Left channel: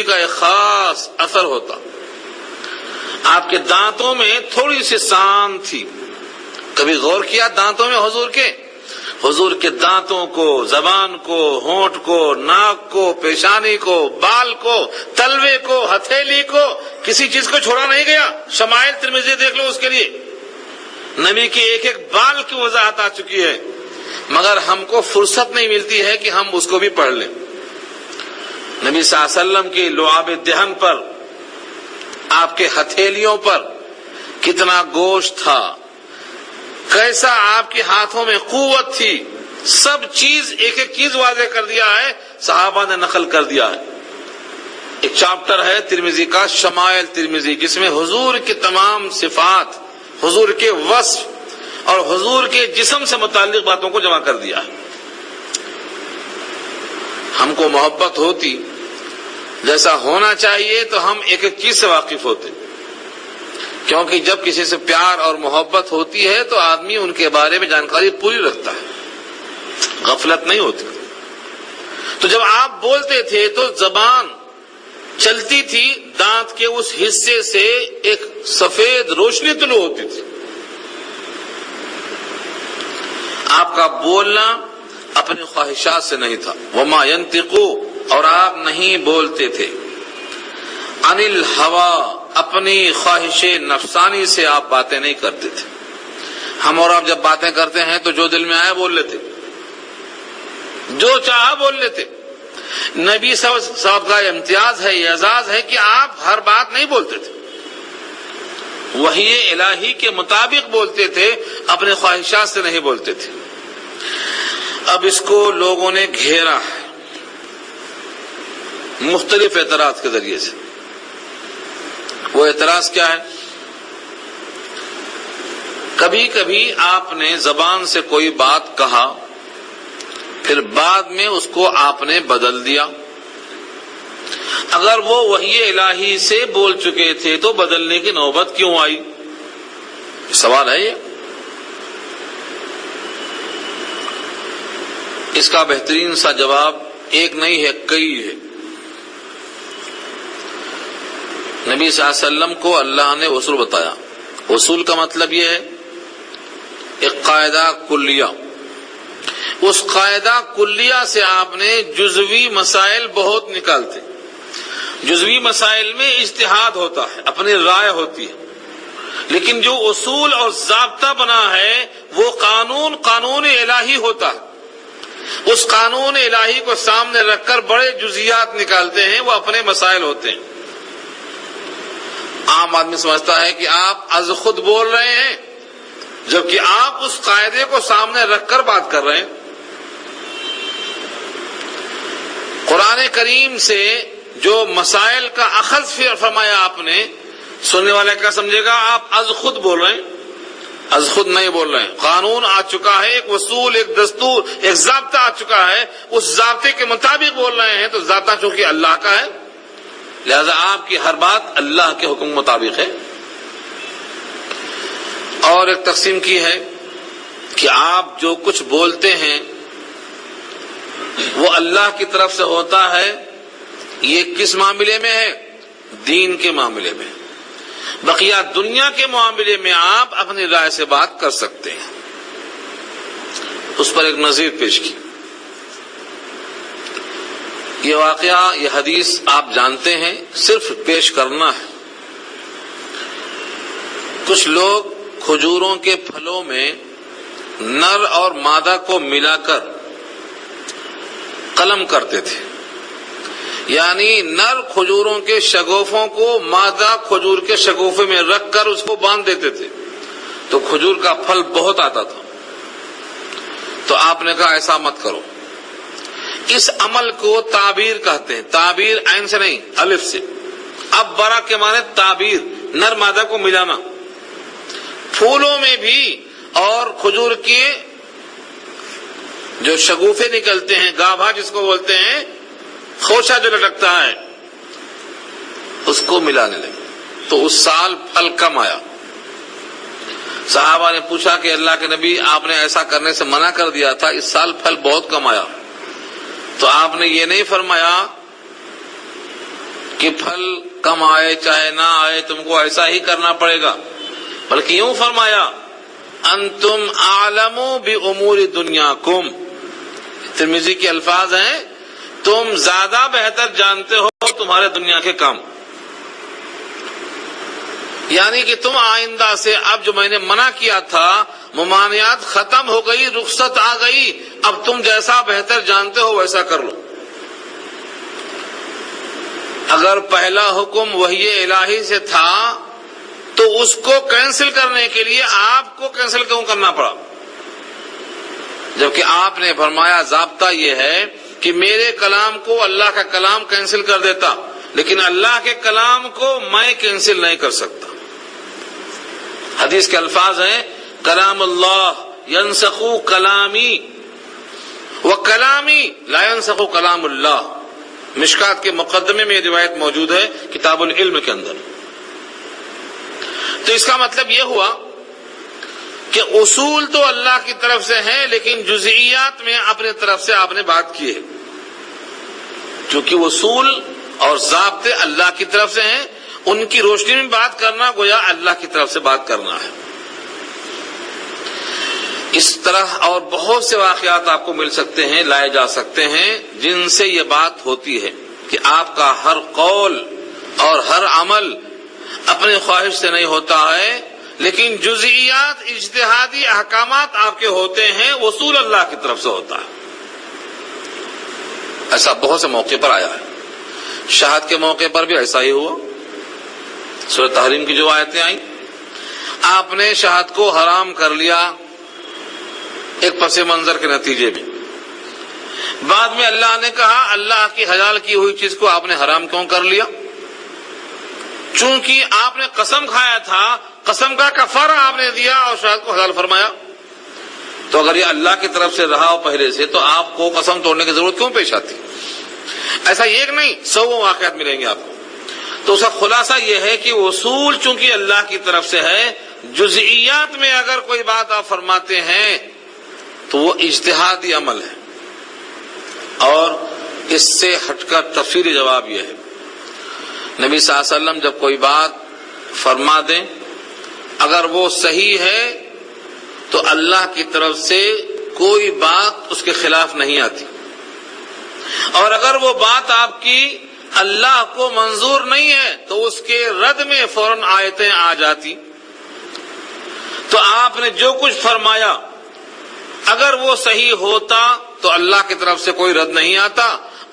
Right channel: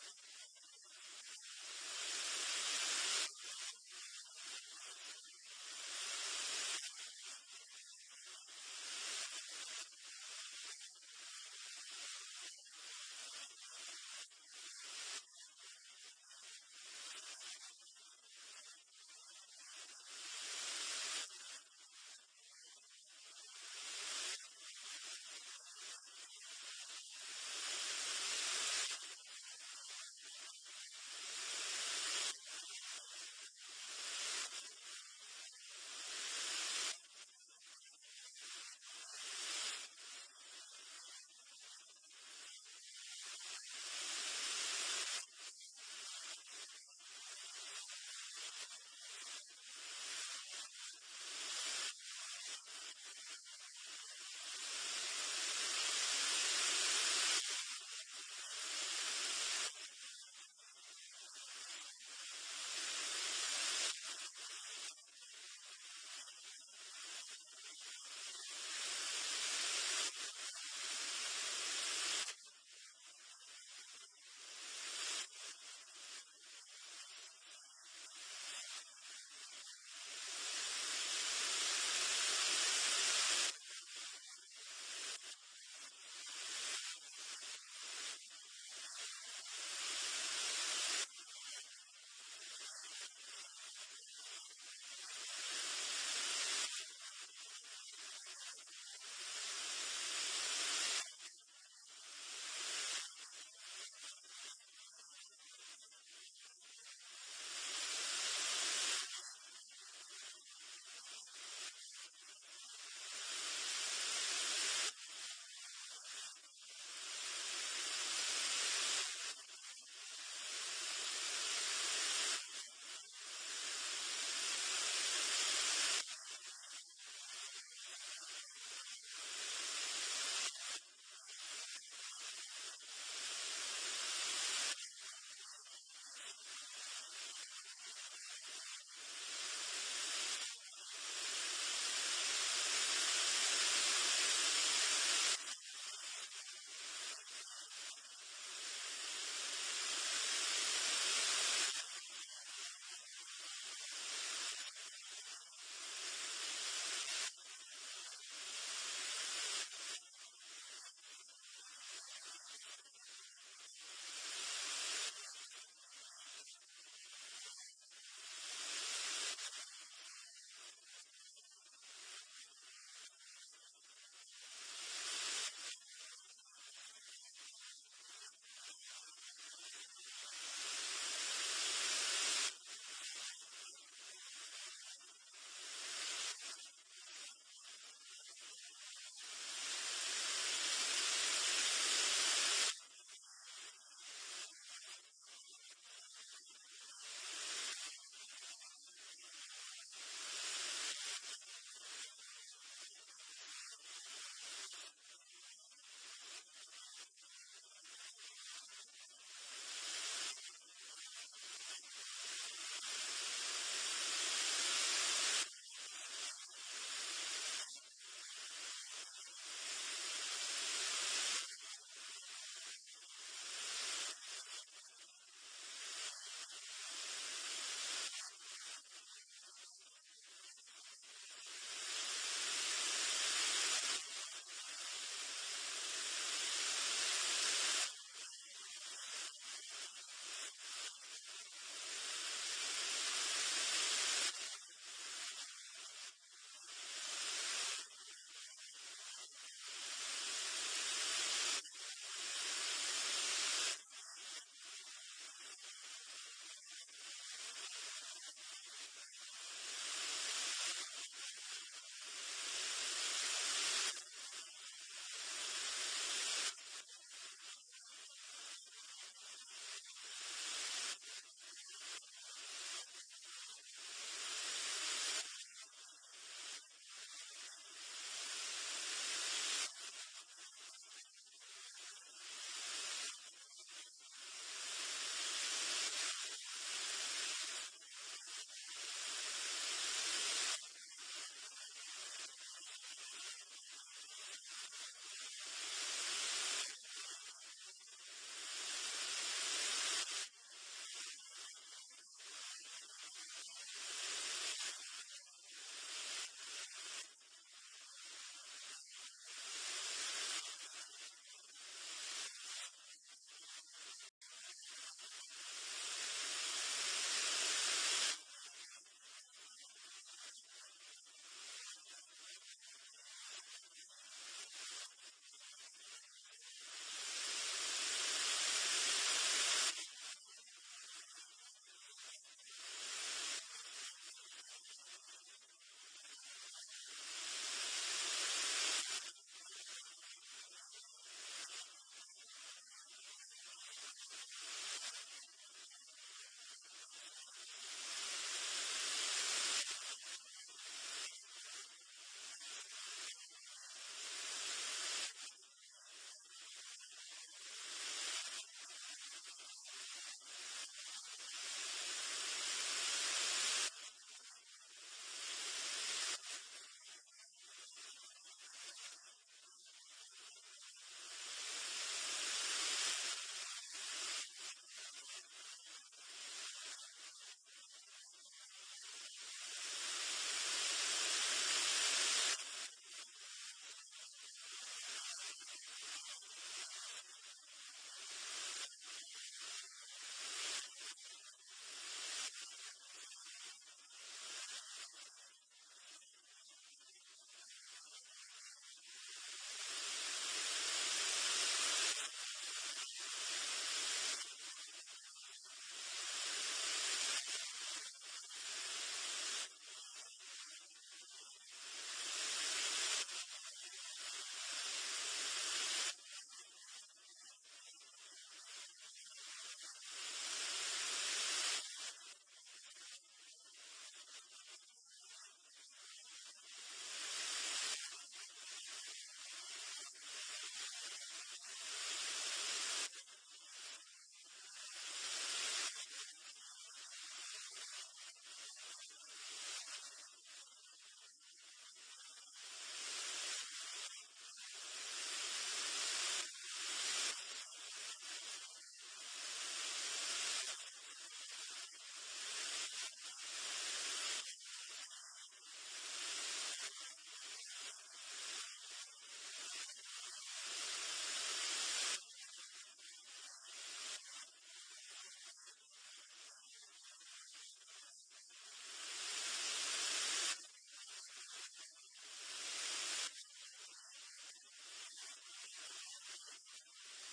ترمذی کا ایک خاص اثر ہوتا. آپ کے دانتوں میں تھوڑی سی سان تھی. کبھی غور کیا دانتوں میں حضور کے دانتوں کو، زبان کو، ہونٹ کو، ناک کو، پیشانی کو، بال کو، تلوے کو، ہتھیلی کو، کسی چیز کو چھوڑا نہیں گیا. شمائل ترمذی دیکھ لو، اس کے لیے نبی کی ایک ایک بال کی وضاحت آ چکی ہے، مگر ہم کو فرصت نہیں ملتی ہے کہ ہم اس کو بھی پڑھ لیں. نبی صلی اللہ علیہ وسلم کی لعاب دہن پر، آپ کے ہتھیلیوں پر کتنا گوشت تھا، کیسا آپ کے ہاتھوں میں قوت تھی، سب چیز ایک ایک چیز واضح کر دیا ہے، صحابہ نے نقل کر دیا ہے. ایک چاپٹر ہے ترمذی کا شمائل ترمذی، جس میں حضور کی تمام صفات، حضور کے وصف اور حضور کے جسم سے متعلق باتوں کو جمع کر دیا ہے. ہم کو محبت ہوتی جیسا ہونا چاہیے تو ہم ایک ایک چیز سے واقف ہوتے، کیونکہ جب کسی سے پیار اور محبت ہوتی ہے تو آدمی ان کے بارے میں جانکاری پوری رکھتا ہے، غفلت نہیں ہوتی. تو جب آپ بولتے تھے تو زبان چلتی تھی، دانت کے اس حصے سے ایک سفید روشنی طلوع ہوتی تھی. آپ کا بولنا اپنی خواہشات سے نہیں تھا. وما ينطق، اور آپ نہیں بولتے تھے عن الہوی، اپنی خواہش نفسانی سے آپ باتیں نہیں کرتے تھے. ہم اور آپ جب باتیں کرتے ہیں تو جو دل میں آیا بول لیتے، جو چاہا بول لیتے. نبی صاحب کا امتیاز ہے، اعزاز ہے کہ آپ ہر بات نہیں بولتے تھے، وحی الہی کے مطابق بولتے تھے، اپنے خواہشات سے نہیں بولتے تھے. اب اس کو لوگوں نے گھیرا ہے مختلف اعتراض کے ذریعے سے. وہ اعتراض کیا ہے؟ کبھی کبھی آپ نے زبان سے کوئی بات کہا، پھر بعد میں اس کو آپ نے بدل دیا. اگر وہ وحی الہی سے بول چکے تھے تو بدلنے کی نوبت کیوں آئی؟ سوال ہے یہ. اس کا بہترین سا جواب ایک نہیں ہے، کئی ہے. نبی صلی اللہ علیہ وسلم کو اللہ نے اصول بتایا. اصول کا مطلب یہ ہے ایک قاعدہ کلیہ. اس قاعدہ کلیہ سے آپ نے جزوی مسائل بہت نکالتے. جزوی مسائل میں اجتہاد ہوتا ہے، اپنی رائے ہوتی ہے، لیکن جو اصول اور ضابطہ بنا ہے وہ قانون الہی ہوتا ہے. اس قانون الہی کو سامنے رکھ کر بڑے جزیات نکالتے ہیں، وہ اپنے مسائل ہوتے ہیں. عام آدمی سمجھتا ہے کہ آپ از خود بول رہے ہیں، جبکہ آپ اس قاعدے کو سامنے رکھ کر بات کر رہے ہیں. قرآن کریم سے جو مسائل کا اخذ فرمایا آپ نے، سننے والے کیا سمجھے گا آپ از خود بول رہے ہیں. از خود نہیں بول رہے ہیں، قانون آ چکا ہے، ایک اصول، ایک دستور، ایک ضابطہ آ چکا ہے، اس ضابطے کے مطابق بول رہے ہیں. تو ضابطہ چونکہ اللہ کا ہے، لہذا آپ کی ہر بات اللہ کے حکم مطابق ہے. اور ایک تقسیم کی ہے کہ آپ جو کچھ بولتے ہیں وہ اللہ کی طرف سے ہوتا ہے. یہ کس معاملے میں ہے؟ دین کے معاملے میں. بقیہ دنیا کے معاملے میں آپ اپنی رائے سے بات کر سکتے ہیں. اس پر ایک نظیر پیش کی. یہ واقعہ، یہ حدیث آپ جانتے ہیں، صرف پیش کرنا ہے. کچھ لوگ کھجوروں کے پھلوں میں نر اور مادہ کو ملا کر قلم کرتے تھے، یعنی نر کھجوروں کے شگوفوں کو مادہ کھجور کے شگوفے میں رکھ کر اس کو باندھ دیتے تھے تو کھجور کا پھل بہت آتا تھا. تو آپ نے کہا ایسا مت کرو. اس عمل کو تعبیر کہتے ہیں. تعبیر عین سے نہیں، الف سے. اب برا کے معنی تعبیر، نر مادہ کو ملانا. پھولوں میں بھی اور کھجور کے جو شگوفے نکلتے ہیں، گابھا جس کو بولتے ہیں، خوشہ جو لٹکتا ہے، اس کو ملانے لگے تو اس سال پھل کم آیا. صحابہ نے پوچھا کہ اللہ کے نبی، آپ نے ایسا کرنے سے منع کر دیا تھا، اس سال پھل بہت کم آیا. تو آپ نے یہ نہیں فرمایا کہ پھل کم آئے چاہے نہ آئے تم کو ایسا ہی کرنا پڑے گا، بلکہ یوں فرمایا انتم اعلم بامور دنیاکم، ترمذی کے الفاظ ہیں تم زیادہ بہتر جانتے ہو تمہارے دنیا کے کام، یعنی کہ تم آئندہ سے اب جو میں نے منع کیا تھا ممانعات ختم ہو گئی، رخصت آ گئی، اب تم جیسا بہتر جانتے ہو ویسا کر لو۔ اگر پہلا حکم وحی الہی سے تھا تو اس کو کینسل کرنے کے لیے آپ کو کینسل کیوں کرنا پڑا؟ جبکہ آپ نے فرمایا ضابطہ یہ ہے کہ میرے کلام کو اللہ کا کلام کینسل کر دیتا، لیکن اللہ کے کلام کو میں کینسل نہیں کر سکتا۔ حدیث کے الفاظ ہیں کلام اللہ ینسخ کلامی وکلامی لا ینسخ کلام اللہ، مشکات کے مقدمے میں یہ روایت موجود ہے کتاب العلم کے اندر۔ تو اس کا مطلب یہ ہوا کہ اصول تو اللہ کی طرف سے ہیں، لیکن جزئیات میں اپنے طرف سے آپ نے بات کی ہے، چونکہ اصول اور ضابطے اللہ کی طرف سے ہیں، ان کی روشنی میں بات کرنا گویا اللہ کی طرف سے بات کرنا ہے۔ اس طرح اور بہت سے واقعات آپ کو مل سکتے ہیں، لائے جا سکتے ہیں، جن سے یہ بات ہوتی ہے کہ آپ کا ہر قول اور ہر عمل اپنے خواہش سے نہیں ہوتا ہے، لیکن جزئیات اجتہادی احکامات آپ کے ہوتے ہیں، اصول اللہ کی طرف سے ہوتا ہے۔ ایسا بہت سے موقع پر آیا ہے، شہاد کے موقع پر بھی ایسا ہی ہوا۔ سورہ تحریم کی جو آیتیں آئیں، آپ نے شہاد کو حرام کر لیا ایک پس منظر کے نتیجے میں، بعد میں اللہ نے کہا اللہ کی حلال کی ہوئی چیز کو آپ نے حرام کیوں کر لیا؟ چونکہ آپ نے قسم کھایا تھا، قسم کا کفارہ آپ نے دیا اور شہاد کو حلال فرمایا، تو اگر یہ اللہ کی طرف سے رہا ہو پہلے سے تو آپ کو قسم توڑنے کی ضرورت کیوں پیش آتی؟ ایسا ایک نہیں، 100 واقعات ملیں گے آپ کو۔ تو اس کا خلاصہ یہ ہے کہ اصول چونکہ اللہ کی طرف سے ہے، جزئیات میں اگر کوئی بات آپ فرماتے ہیں تو وہ اجتہادی عمل ہے، اور اس سے ہٹ کر تفصیلی جواب یہ ہے، نبی صلی اللہ علیہ وسلم جب کوئی بات فرما دیں اگر وہ صحیح ہے تو اللہ کی طرف سے کوئی بات اس کے خلاف نہیں آتی، اور اگر وہ بات آپ کی اللہ کو منظور نہیں ہے تو اس کے رد میں فوراً آیتیں آ جاتی۔ تو آپ نے جو کچھ فرمایا اگر وہ صحیح ہوتا تو اللہ کی طرف سے کوئی رد نہیں آتا،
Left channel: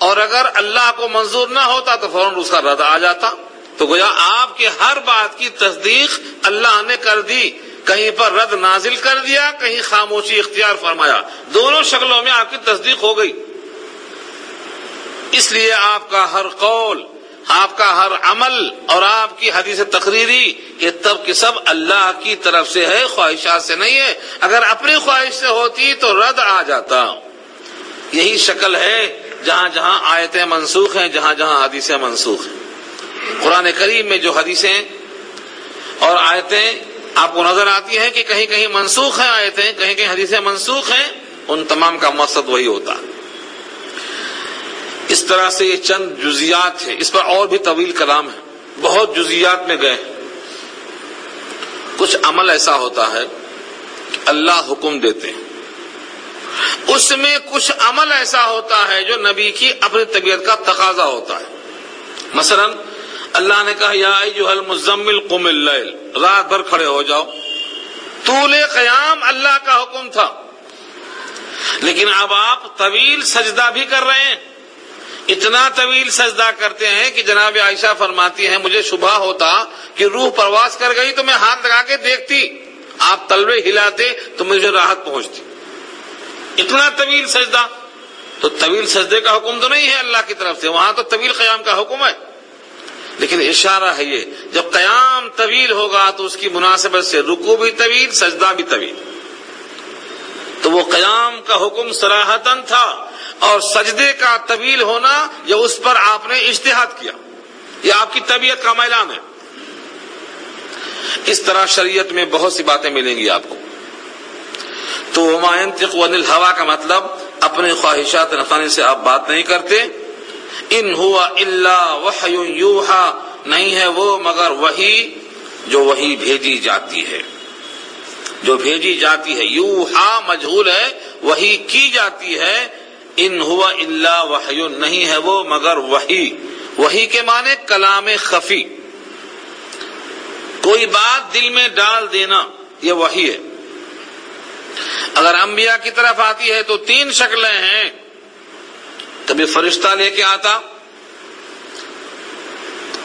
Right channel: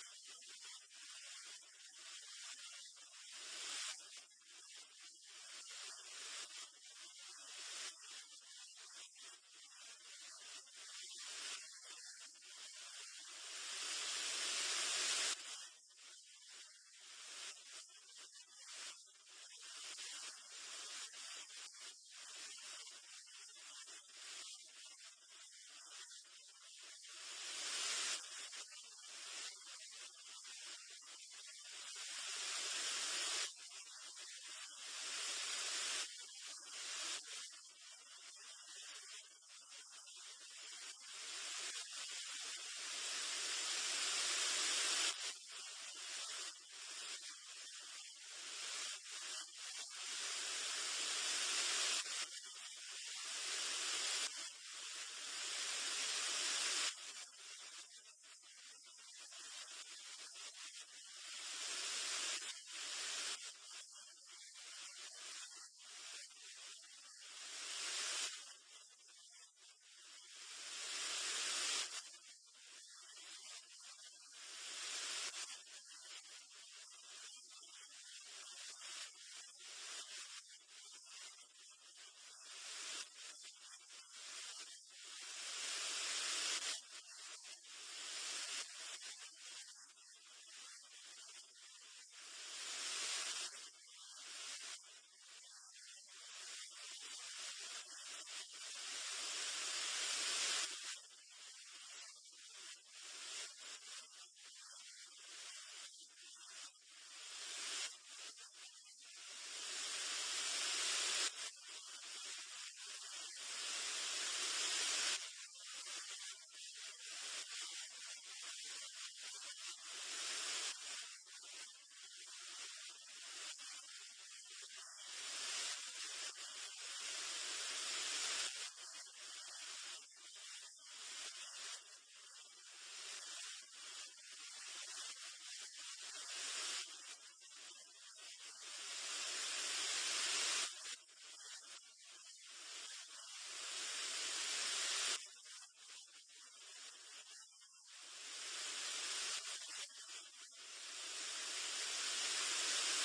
اور اگر اللہ کو منظور نہ ہوتا تو فوراً اس کا رد آ جاتا۔ تو گویا آپ کی ہر بات کی تصدیق اللہ نے کر دی، کہیں پر رد نازل کر دیا، کہیں خاموشی اختیار فرمایا، دونوں شکلوں میں آپ کی تصدیق ہو گئی۔ اس لیے آپ کا ہر قول، آپ کا ہر عمل اور آپ کی حدیث تقریری یہ تب کہ سب اللہ کی طرف سے ہے، خواہشات سے نہیں ہے۔ اگر اپنی خواہش سے ہوتی تو رد آ جاتا۔ یہی شکل ہے جہاں جہاں آیتیں منسوخ ہیں، جہاں جہاں حدیثیں منسوخ ہیں۔ قرآن کریم میں جو حدیثیں اور آیتیں آپ کو نظر آتی ہیں کہ کہیں کہیں منسوخ ہیں آیتیں، کہیں کہیں حدیثیں منسوخ ہیں، ان تمام کا مقصد وہی ہوتا ہے۔ اس طرح سے یہ چند جزیات ہیں، اس پر اور بھی طویل کلام ہے، بہت جزیات میں گئے۔ کچھ عمل ایسا ہوتا ہے کہ اللہ حکم دیتے ہیں، اس میں کچھ عمل ایسا ہوتا ہے جو نبی کی اپنی طبیعت کا تقاضا ہوتا ہے۔ مثلا اللہ نے کہا یا ایھا المزمل قم اللیل، رات بھر کھڑے ہو جاؤ، طول قیام اللہ کا حکم تھا، لیکن اب آپ طویل سجدہ بھی کر رہے ہیں، اتنا طویل سجدہ کرتے ہیں کہ جناب عائشہ فرماتی ہیں مجھے شبہ ہوتا کہ روح پرواز کر گئی تو میں ہاتھ لگا کے دیکھتی، آپ تلوے ہلاتے تو مجھے راحت پہنچتی، اتنا طویل سجدہ۔ تو طویل سجدے کا حکم تو نہیں ہے اللہ کی طرف سے، وہاں تو طویل قیام کا حکم ہے، لیکن اشارہ ہے یہ جب قیام طویل ہوگا تو اس کی مناسبت سے رکوع بھی طویل، سجدہ بھی طویل۔ تو وہ قیام کا حکم صراحتاً تھا، اور سجدے کا طویل ہونا یہ اس پر آپ نے اجتہاد کیا، یہ آپ کی طبیعت کا میلان ہے۔ اس طرح شریعت میں بہت سی باتیں ملیں گی آپ کو۔ تو وما ينطق عن الهوى کا مطلب اپنے خواہشات نفسانی سے آپ بات نہیں کرتے، ان ہوا الا وحی یوحا، نہیں ہے وہ مگر وحی جو وحی بھیجی جاتی ہے، جو بھیجی جاتی ہے. یوحا مجہول ہے، وحی کی جاتی ہے. ان ہوا الا وحی، نہیں ہے وہ مگر وحی. وحی کے معنی کلام خفی، کوئی بات دل میں ڈال دینا، یہ وحی ہے. اگر انبیاء کی طرف آتی ہے تو 3 شکلیں ہیں. کبھی فرشتہ لے کے آتا،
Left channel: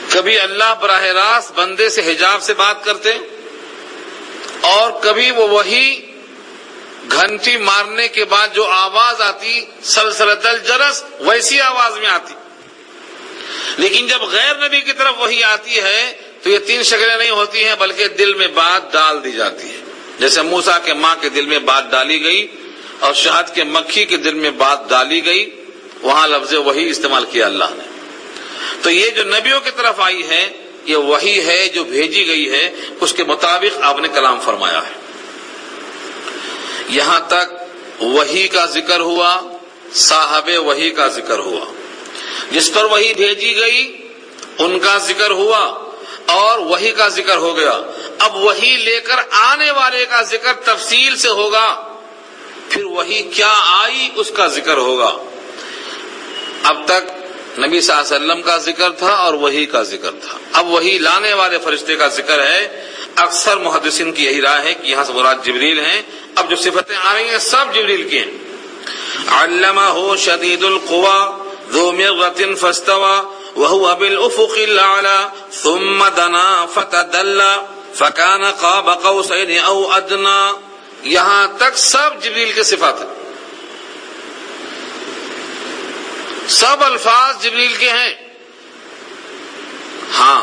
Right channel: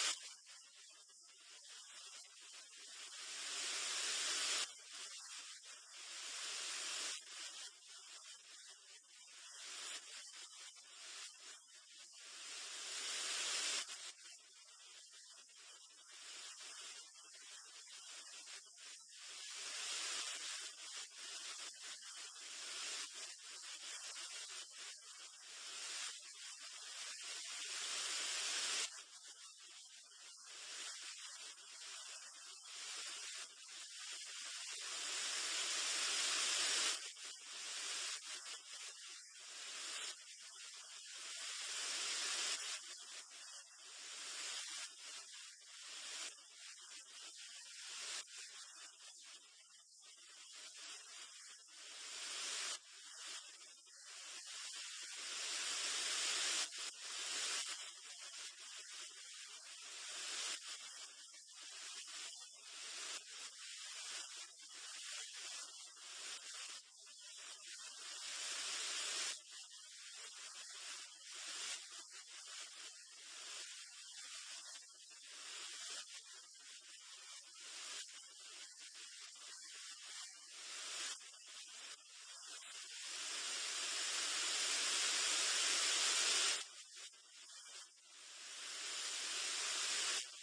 کبھی اللہ براہ راست بندے سے حجاب سے بات کرتے، اور کبھی وہ وحی گھنٹی مارنے کے بعد جو آواز آتی سلسلۃ الجرس ویسی آواز میں آتی. لیکن جب غیر نبی کی طرف وحی آتی ہے تو یہ 3 شکلیں نہیں ہوتی ہیں، بلکہ دل میں بات ڈال دی جاتی ہے. جیسے موسیٰ کے ماں کے دل میں بات ڈالی گئی اور شہد کے مکھی کے دل میں بات ڈالی گئی، وہاں لفظ وحی استعمال کیا اللہ نے. تو یہ جو نبیوں کی طرف آئی ہے یہ وحی ہے جو بھیجی گئی ہے، اس کے مطابق آپ نے کلام فرمایا ہے. یہاں تک وحی کا ذکر ہوا، صاحب وحی کا ذکر ہوا، جس پر وحی بھیجی گئی ان کا ذکر ہوا اور وحی کا ذکر ہو گیا. اب وحی لے کر آنے والے کا ذکر تفصیل سے ہوگا، پھر وحی کیا آئی اس کا ذکر ہوگا. اب تک نبی صلی اللہ علیہ وسلم کا ذکر تھا اور وحی کا ذکر تھا، اب وحی لانے والے فرشتے کا ذکر ہے. اکثر محدثین کی یہی رائے ہے کہ یہاں سے مراد جبریل ہیں. اب جو صفتیں آ رہی ہیں سب جبریل کی ہیں. علمہ شدید القوی ذو مرۃ فاستوى وهو بالافق الاعلى ثم دنا فتدلى فكان قاب قوسين او ادنى. یہاں تک سب جبریل کے صفات ہیں، سب الفاظ جبریل کے ہیں. ہاں،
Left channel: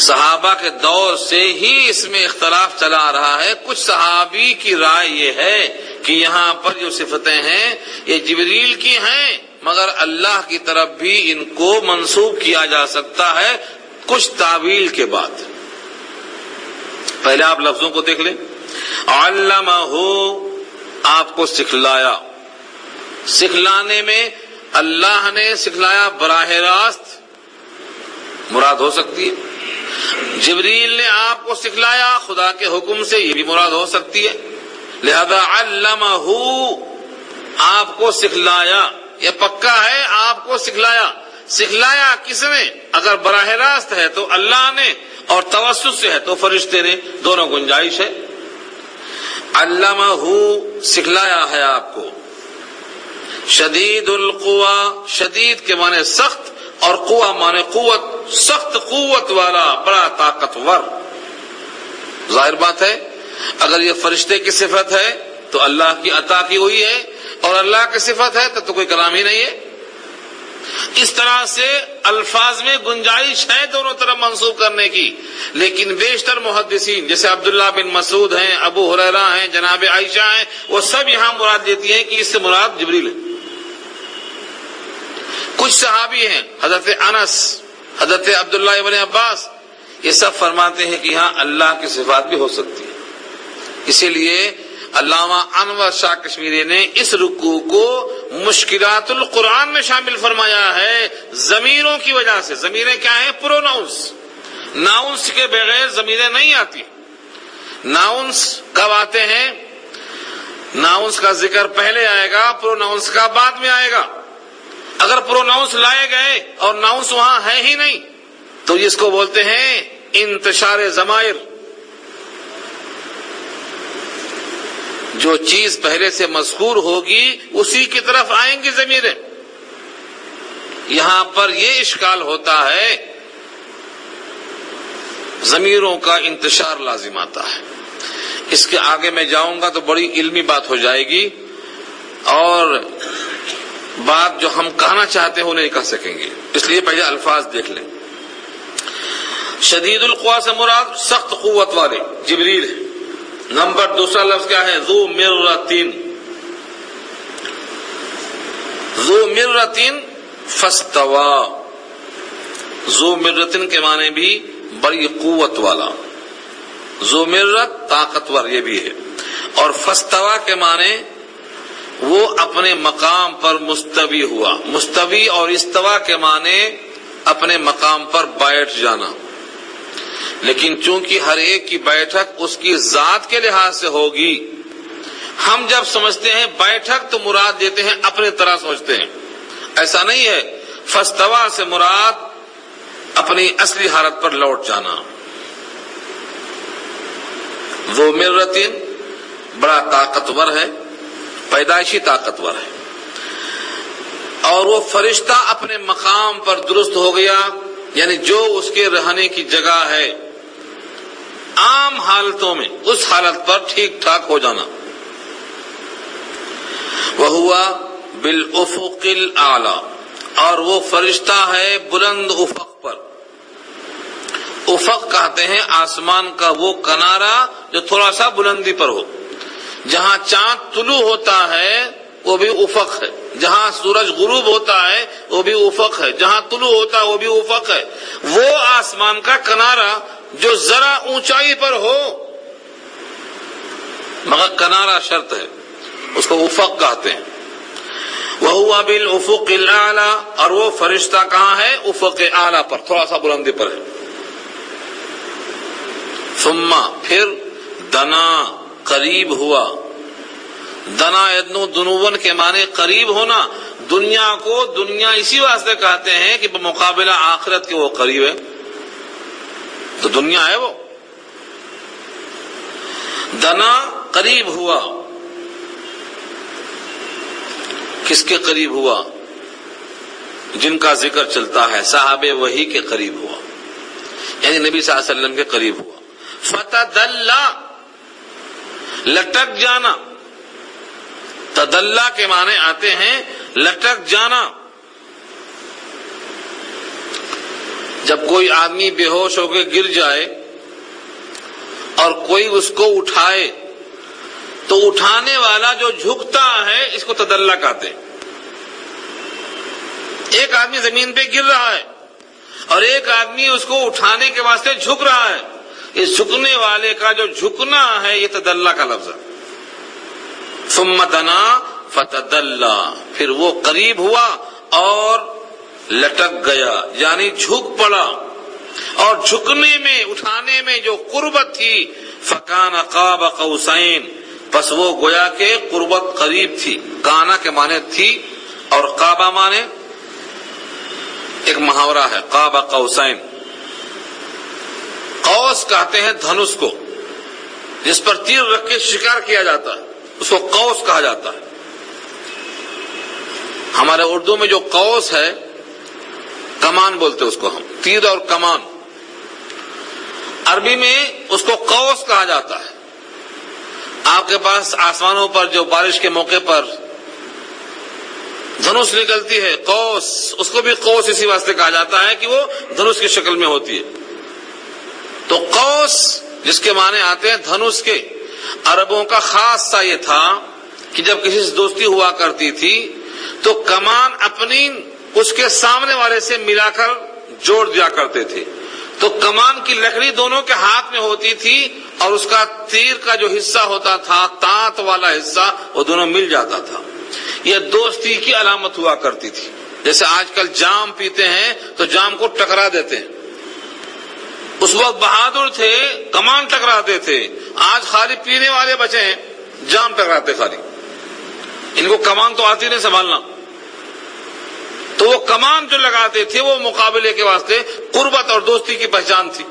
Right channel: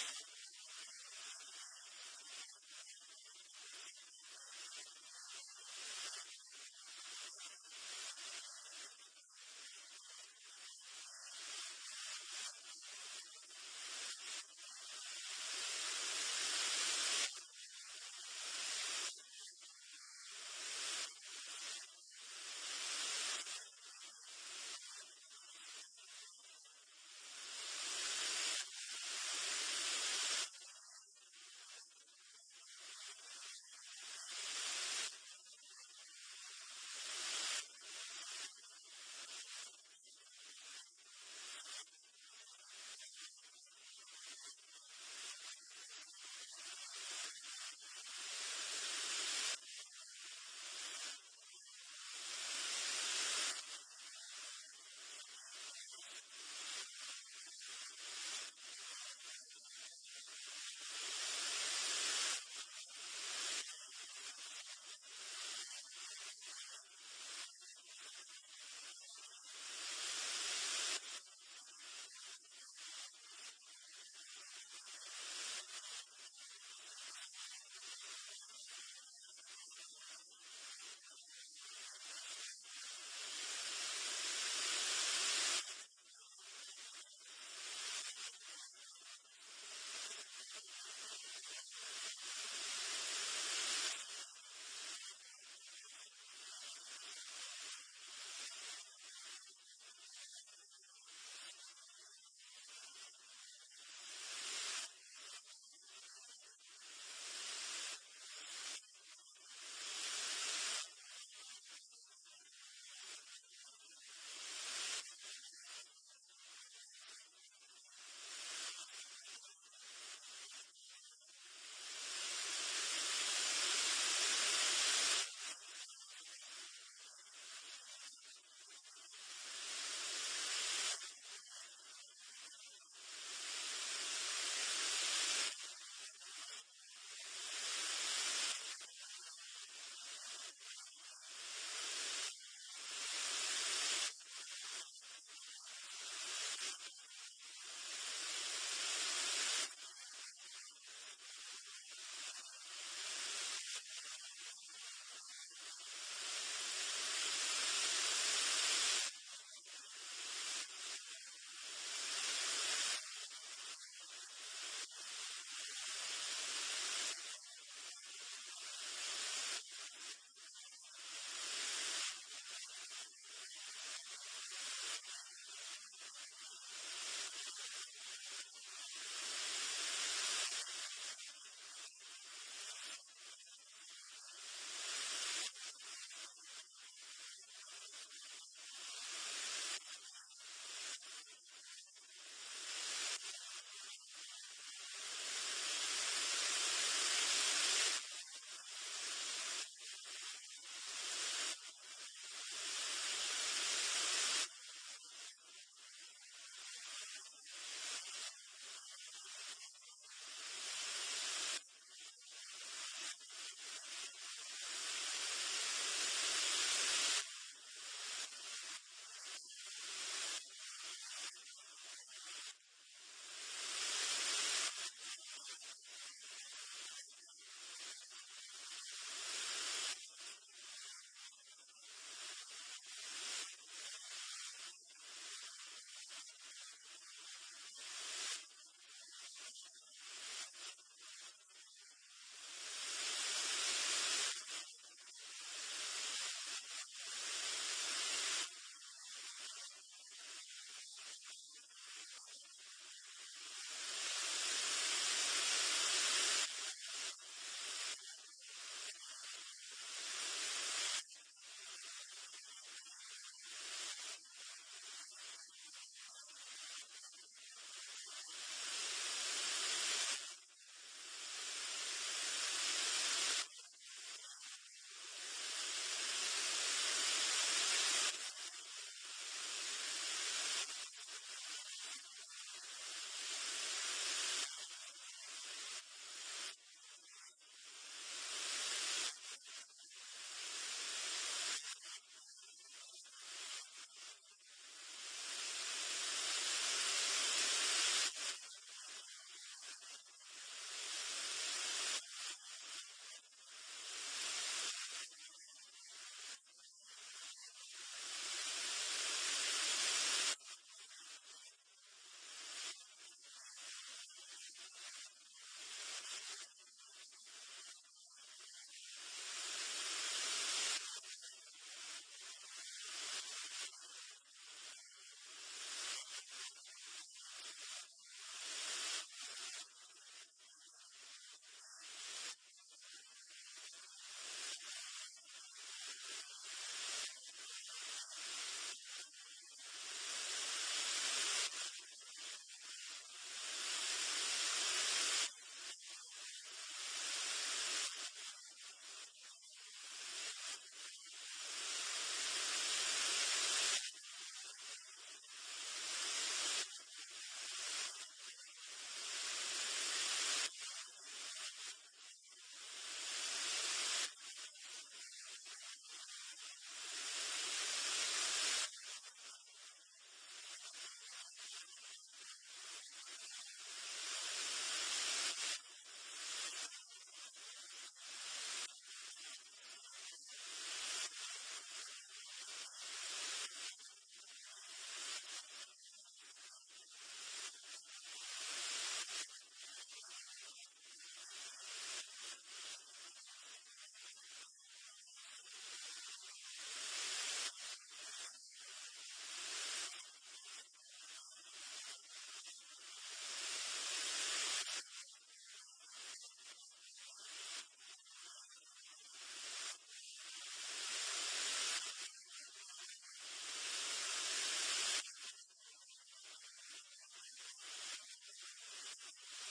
صحابہ کے دور سے ہی اس میں اختلاف چلا آ رہا ہے. کچھ صحابی کی رائے یہ ہے کہ یہاں پر جو صفتیں ہیں یہ جبریل کی ہیں، مگر اللہ کی طرف بھی ان کو منسوب کیا جا سکتا ہے کچھ تعویل کے بعد. پہلے آپ لفظوں کو دیکھ لیں. علمہ، آپ کو سکھلایا. سکھلانے میں اللہ نے سکھلایا براہ راست مراد ہو سکتی ہے، جبریل نے آپ کو سکھلایا خدا کے حکم سے، یہ بھی مراد ہو سکتی ہے. لہذا علمہ، آپ کو سکھلایا، یہ پکا ہے آپ کو سکھلایا. سکھلایا کس نے؟ اگر براہ راست ہے تو اللہ نے، اور توسط سے ہے تو فرشتے نے، دونوں گنجائش ہے. علمہ، سکھلایا ہے آپ کو. شدید القوا، شدید کے معنی سخت اور قوا معنی قوت، سخت قوت والا، بڑا طاقتور. ظاہر بات ہے اگر یہ فرشتے کی صفت ہے تو اللہ کی عطا کی ہوئی ہے، اور اللہ کی صفت ہے تو کوئی کلام ہی نہیں ہے. اس طرح سے الفاظ میں گنجائش ہے دونوں طرف منسوب کرنے کی. لیکن بیشتر محدثین جیسے عبداللہ بن مسعود ہیں، ابو ہریرہ ہیں، جناب عائشہ ہیں، وہ سب یہاں مراد دیتی ہیں کہ اس سے مراد جبریل ہے. کچھ صحابی ہیں، حضرت انس، حضرت عبداللہ ابن عباس، یہ سب فرماتے ہیں کہ یہاں اللہ کی صفات بھی ہو سکتی ہے. اسی لیے علامہ انور شاہ کشمیری نے اس رکوع کو مشکلات القرآن میں شامل فرمایا ہے ضمیروں کی وجہ سے. ضمیریں کیا ہیں؟ پروناؤنس. ناؤنس کے بغیر ضمیریں نہیں آتی. ناؤنس کب آتے ہیں؟ ناؤنس کا ذکر پہلے آئے گا، پروناؤنس کا بعد میں آئے گا. اگر پروناؤنس لائے گئے اور ناؤنس وہاں ہے ہی نہیں تو اس کو بولتے ہیں انتشار ضمائر. جو چیز پہلے سے مذکور ہوگی اسی کی طرف آئیں گی ضمیریں. یہاں پر یہ اشکال ہوتا ہے، ضمیروں کا انتشار لازم آتا ہے. اس کے آگے میں جاؤں گا تو بڑی علمی بات ہو جائے گی اور بات جو ہم کہنا چاہتے ہیں وہ نہیں کہہ سکیں گے. اس لیے پہلے الفاظ دیکھ لیں. شدید القوا سے مراد سخت قوت والے جبریل ہے. نمبر دوسرا لفظ کیا ہے؟ ذو مرۃ. ذو مرۃ فاستوى. ذو مرۃ کے معنی بھی بڑی قوت والا. ذو مرۃ طاقتور یہ بھی ہے. اور فاستوى کے معنی وہ اپنے مقام پر مستوی ہوا. مستوی اور استوا کے معنی اپنے مقام پر بیٹھ جانا. لیکن چونکہ ہر ایک کی بیٹھک اس کی ذات کے لحاظ سے ہوگی، ہم جب سمجھتے ہیں بیٹھک تو مراد دیتے ہیں اپنے طرح سمجھتے ہیں. ایسا نہیں ہے. فاستوا سے مراد اپنی اصلی حالت پر لوٹ جانا. ذو مرۃ بڑا طاقتور ہے، پیدائشی طاقتور ہے، اور وہ فرشتہ اپنے مقام پر درست ہو گیا، یعنی جو اس کے رہنے کی جگہ ہے عام حالتوں میں اس حالت پر ٹھیک ٹھاک ہو جانا. وَهُوَ بِالْأُفُقِ الْأَعْلَى، اور وہ فرشتہ ہے بلند افق پر. افق کہتے ہیں آسمان کا وہ کنارہ جو تھوڑا سا بلندی پر ہو. جہاں چاند طلوع ہوتا ہے وہ بھی افق ہے، جہاں سورج غروب ہوتا ہے وہ بھی افق ہے، جہاں طلوع ہوتا ہے وہ بھی افق ہے. وہ آسمان کا کنارہ جو ذرا اونچائی پر ہو، مگر کنارہ شرط ہے، اس کو افق کہتے ہیں. وَهُوَ بِالْأُفُقِ الْأَعْلَى، اور وہ فرشتہ کہاں ہے؟ افق اعلیٰ پر، تھوڑا سا بلندی پر ہے. ثم، پھر دنا، قریب ہوا. دنا ادنو دنون کے معنی قریب ہونا. دنیا کو دنیا اسی واسطے کہتے ہیں کہ بمقابلہ آخرت کے وہ قریب ہے، تو دنیا ہے وہ. دنا قریب ہوا. کس کے قریب ہوا؟ جن کا ذکر چلتا ہے صحابہ وحی کے قریب ہوا، یعنی نبی صلی اللہ علیہ وسلم کے قریب ہوا. فتدلا، لٹک جانا. تدلا کے معنی آتے ہیں لٹک جانا. جب کوئی آدمی بے ہوش ہو کے گر جائے اور کوئی اس کو اٹھائے تو اٹھانے والا جو جھکتا ہے اس کو تدلا کہتے ہیں. ایک آدمی زمین پہ گر رہا ہے اور ایک آدمی اس کو اٹھانے کے واسطے جھک رہا ہے. اس جھکنے والے کا جو جھکنا ہے یہ تدلا کا لفظ ہے. ثم دنا فتدلا، پھر وہ قریب ہوا اور لٹک گیا، یعنی جھک پڑا. اور جھکنے میں، اٹھانے میں جو قربت تھی، فکان قاب قوسین، پس وہ گویا کہ قربت قریب تھی. کانا کے معنی تھی اور قابا معنی ایک محاورہ ہے، قاب قوسین. قوس کہتے ہیں دھنس کو، جس پر تیر رکھ کے شکار کیا جاتا ہے، اس کو قوس کہا جاتا ہے. ہمارے اردو میں جو قوس ہے، کمان بولتے اس کو ہم، تیر اور کمان. عربی میں اس کو قوس کہا جاتا ہے. آپ کے پاس آسمانوں پر جو بارش کے موقع پر دھنس نکلتی ہے، قوس، اس کو بھی قوس اسی واسطے کہا جاتا ہے کہ وہ دھنس کی شکل میں ہوتی ہے. تو قوس جس کے معنی آتے ہیں دھنس کے، عربوں کا خاص سا یہ تھا کہ جب کسی سے دوستی ہوا کرتی تھی تو کمان اپنی اس کے سامنے والے سے ملا کر جوڑ دیا کرتے تھے. تو کمان کی لکڑی دونوں کے ہاتھ میں ہوتی تھی اور اس کا تیر کا جو حصہ ہوتا تھا، تانت والا حصہ، وہ دونوں مل جاتا تھا. یہ دوستی کی علامت ہوا کرتی تھی. جیسے آج کل جام پیتے ہیں تو جام کو ٹکرا دیتے ہیں. اس وقت بہادر تھے، کمان ٹکراتے تھے. آج خالی پینے والے بچے ہیں، جام ٹکراتے خالی. ان کو کمان تو آتی نہیں سنبھالنا. تو وہ کمان جو لگاتے تھے وہ مقابلے کے واسطے قربت اور دوستی کی پہچان تھی.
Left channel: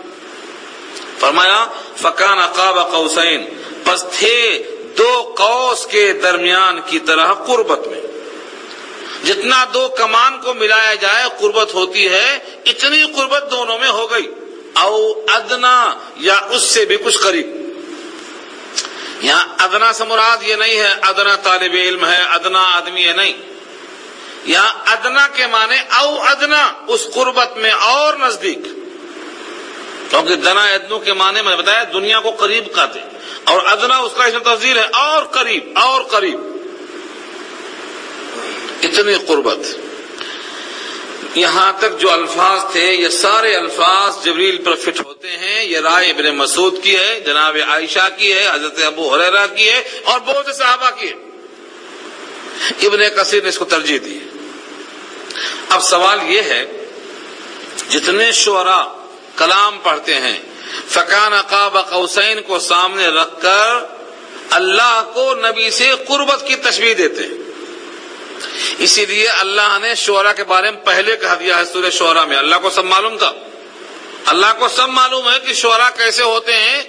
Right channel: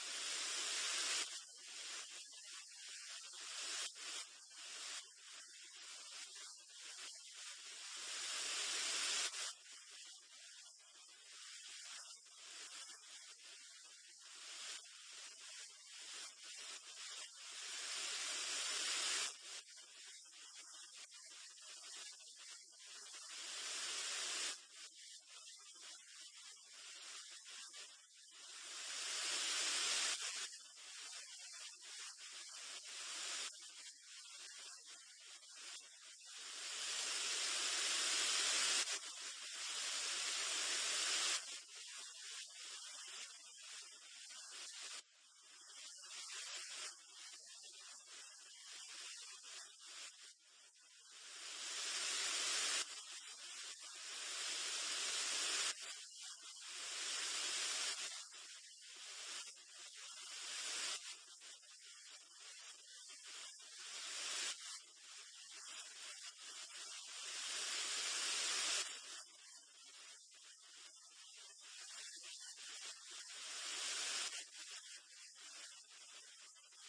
فرمایا فکان قاب قوسین، پس تھے دو قوس کے درمیان کی طرح قربت میں. جتنا دو کمان کو ملایا جائے قربت ہوتی ہے، اتنی قربت دونوں میں ہو گئی. او ادنا، یا اس سے بھی کچھ قریب. یہاں ادنا سے مراد یہ نہیں ہے ادنا طالب علم ہے، ادنا آدمی ہے، نہیں. یہاں ادنا کے معنی او ادنا، اس قربت میں اور نزدیک. کیونکہ دنا ادنو کے معنی میں بتایا دنیا کو قریب کہتے، اور ادنا اس کا اسم تفضیل ہے، اور قریب، اور قریب. اتنی قربت. یہاں تک جو الفاظ تھے یہ سارے الفاظ جبریل پر فٹ ہوتے ہیں. یہ رائے ابن مسعود کی ہے، جناب عائشہ کی ہے، حضرت ابو ہریرہ کی ہے، اور بہت سے صحابہ کی ہے. ابن کثیر نے اس کو ترجیح دی۔ اب سوال یہ ہے، جتنے شعراء کلام پڑھتے ہیں فکان قاب قوسین کو سامنے رکھ کر اللہ کو نبی سے قربت کی تشبیہ دیتے ہیں۔ اسی لیے اللہ نے شعراء کے بارے میں پہلے کہہ دیا ہے سورہ شعراء میں۔ اللہ کو سب معلوم تھا، اللہ کو سب معلوم ہے کہ شعراء کیسے ہوتے ہیں۔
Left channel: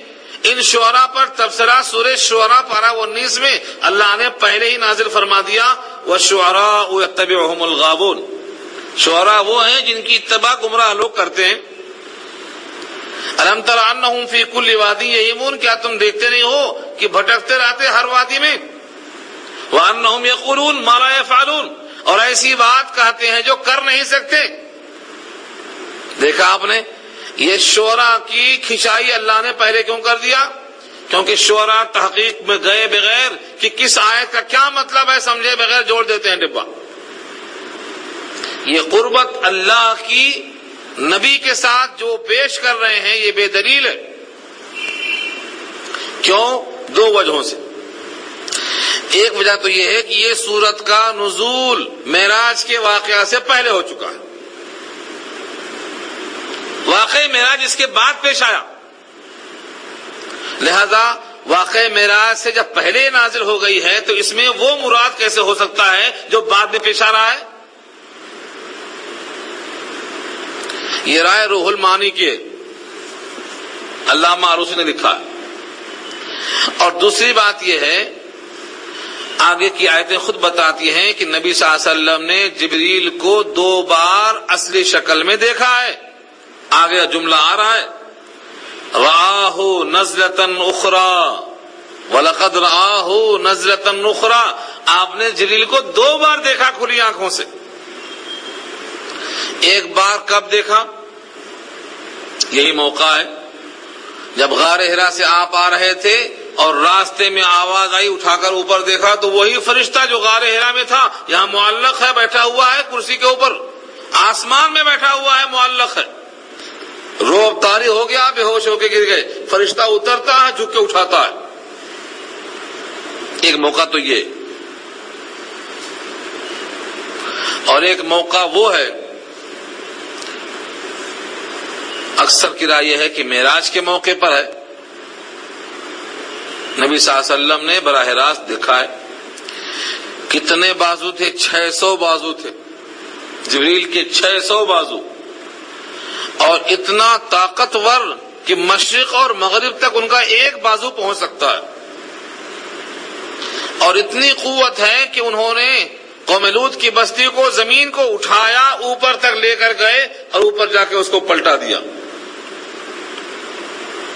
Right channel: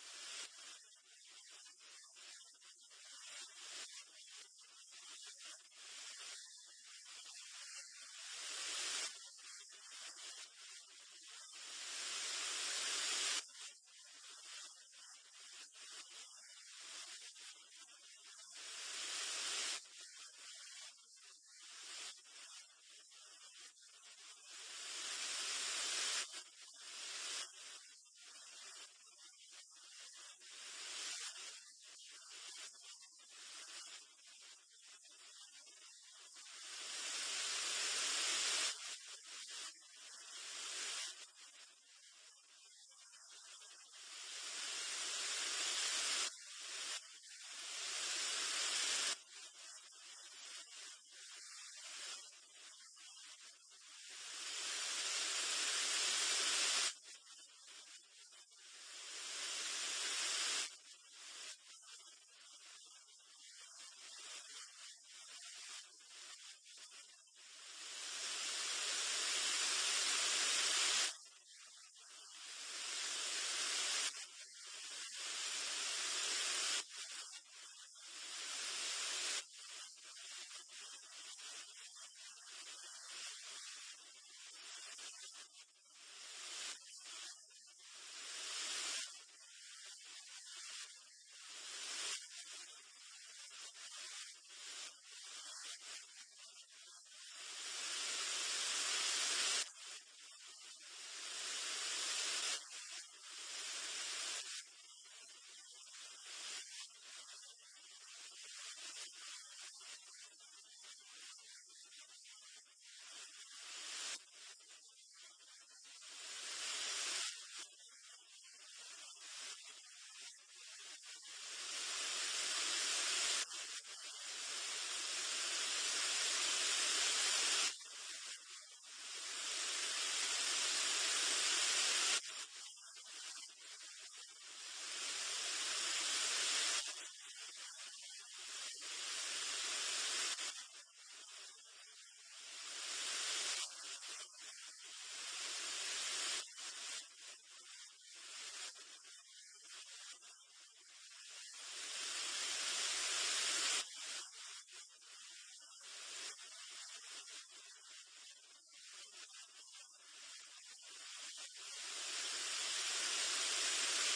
ان شعراء پر تبصرہ سورہ شعراء پارہ 19 میں اللہ نے پہلے ہی نازل فرما دیا، وَالشُّعَرَاءُ يَتَّبِعُهُمُ الْغَاوُونَ۔ شعراء وہ ہیں جن کی اتباع گمراہ لوگ کرتے ہیں۔ أَلَمْ تَرَ أَنَّهُمْ فِي كُلِّ وَادٍ يَهِيمُونَ، کیا تم دیکھتے نہیں ہو کہ بھٹکتے رہتے ہر وادی میں؟ وَأَنَّهُمْ يَقُولُونَ مَا لَا يَفْعَلُونَ، اور ایسی بات کہتے ہیں جو کر نہیں سکتے۔ دیکھا آپ نے، یہ شعراء کی کھچائی اللہ نے پہلے کیوں کر دیا؟ کیونکہ شعراء تحقیق میں گئے بغیر کہ کس آیت کا کیا مطلب ہے سمجھے بغیر جوڑ دیتے ہیں ڈبہ۔ یہ قربت اللہ کی نبی کے ساتھ جو پیش کر رہے ہیں یہ بے دلیل ہے۔ کیوں؟ دو وجہوں سے۔ ایک وجہ تو یہ ہے کہ یہ سورت کا نزول معراج کے واقعہ سے پہلے ہو چکا ہے، واقعہ معراج اس کے بعد پیش آیا، لہذا واقعہ معراج سے جب پہلے نازل ہو گئی ہے تو اس میں وہ مراد کیسے ہو سکتا ہے جو بعد میں پیش آ رہا ہے؟ یہ رائے روح المعانی کے علامہ آلوسی نے لکھا ہے۔ اور دوسری بات یہ ہے، آگے کی آیتیں خود بتاتی ہیں کہ نبی صلی اللہ علیہ وسلم نے جبریل کو 2 بار اصلی شکل میں دیکھا ہے۔ آگے جملہ آ رہا ہے، رآہ نزلۃ اخری وَلَقَدْ رآہ نزلۃ اخری، آپ نے جبریل کو 2 بار دیکھا کھلی آنکھوں سے۔ ایک بار کب دیکھا؟ یہی موقع ہے جب غار حرا سے آپ آ رہے تھے اور راستے میں آواز آئی، اٹھا کر اوپر دیکھا تو وہی فرشتہ جو غار حرا میں تھا یہاں معلق ہے، بیٹھا ہوا ہے کرسی کے اوپر، آسمان میں بیٹھا ہوا ہے، معلق ہے۔ روب طاری ہو گیا، بے ہوش ہو کے گر گئے، فرشتہ اترتا ہے، جھک کے اٹھاتا ہے۔ ایک موقع تو یہ، اور ایک موقع وہ ہے، اکثر کی رائے یہ ہے کہ معراج کے موقع پر ہے، نبی صلی اللہ علیہ وسلم نے براہ راست دیکھا ہے۔ کتنے بازو تھے؟ 600 بازو تھے، جبریل کے 600 بازو، اور اتنا طاقتور کہ مشرق اور مغرب تک ان کا ایک بازو پہنچ سکتا ہے، اور اتنی قوت ہے کہ انہوں نے قوم لوط کی بستی کو، زمین کو اٹھایا، اوپر تک لے کر گئے اور اوپر جا کے اس کو پلٹا دیا۔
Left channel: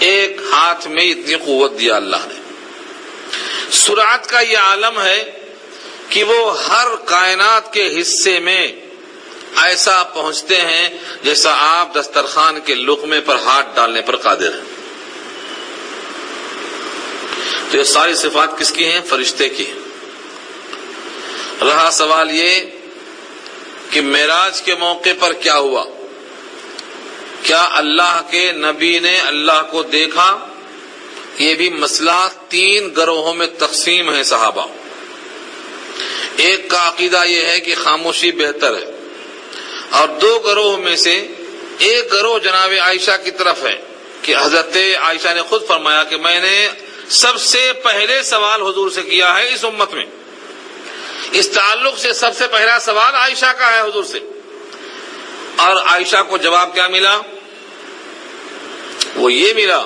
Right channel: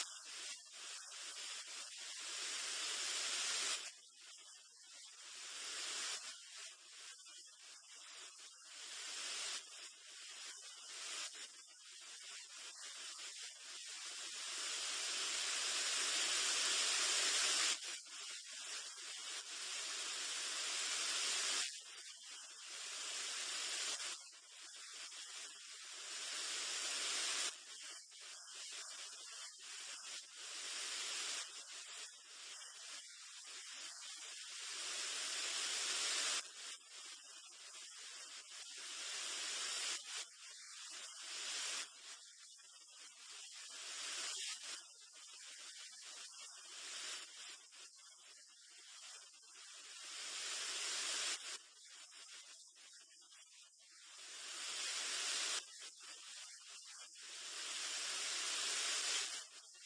ایک ہاتھ میں اتنی قوت دیا اللہ نے۔ سرعت کا یہ عالم ہے کہ وہ ہر کائنات کے حصے میں ایسا پہنچتے ہیں جیسا آپ دسترخوان کے لقمے پر ہاتھ ڈالنے پر قادر ہیں۔ تو یہ ساری صفات کس کی ہیں؟ فرشتے کی ہیں۔ رہا سوال یہ کہ معراج کے موقع پر کیا ہوا؟ کیا اللہ کے نبی نے اللہ کو دیکھا؟ یہ بھی مسئلہ 3 گروہوں میں تقسیم ہے صحابہ۔ ایک کا عقیدہ یہ ہے کہ خاموشی بہتر ہے، اور 2 گروہ میں سے ایک گروہ جناب عائشہ کی طرف ہے کہ حضرت عائشہ نے خود فرمایا کہ میں نے سب سے پہلے سوال حضور سے کیا ہے اس امت میں، اس تعلق سے سب سے پہلا سوال عائشہ کا ہے حضور سے۔ اور عائشہ کو جواب کیا ملا؟ وہ یہ ملا،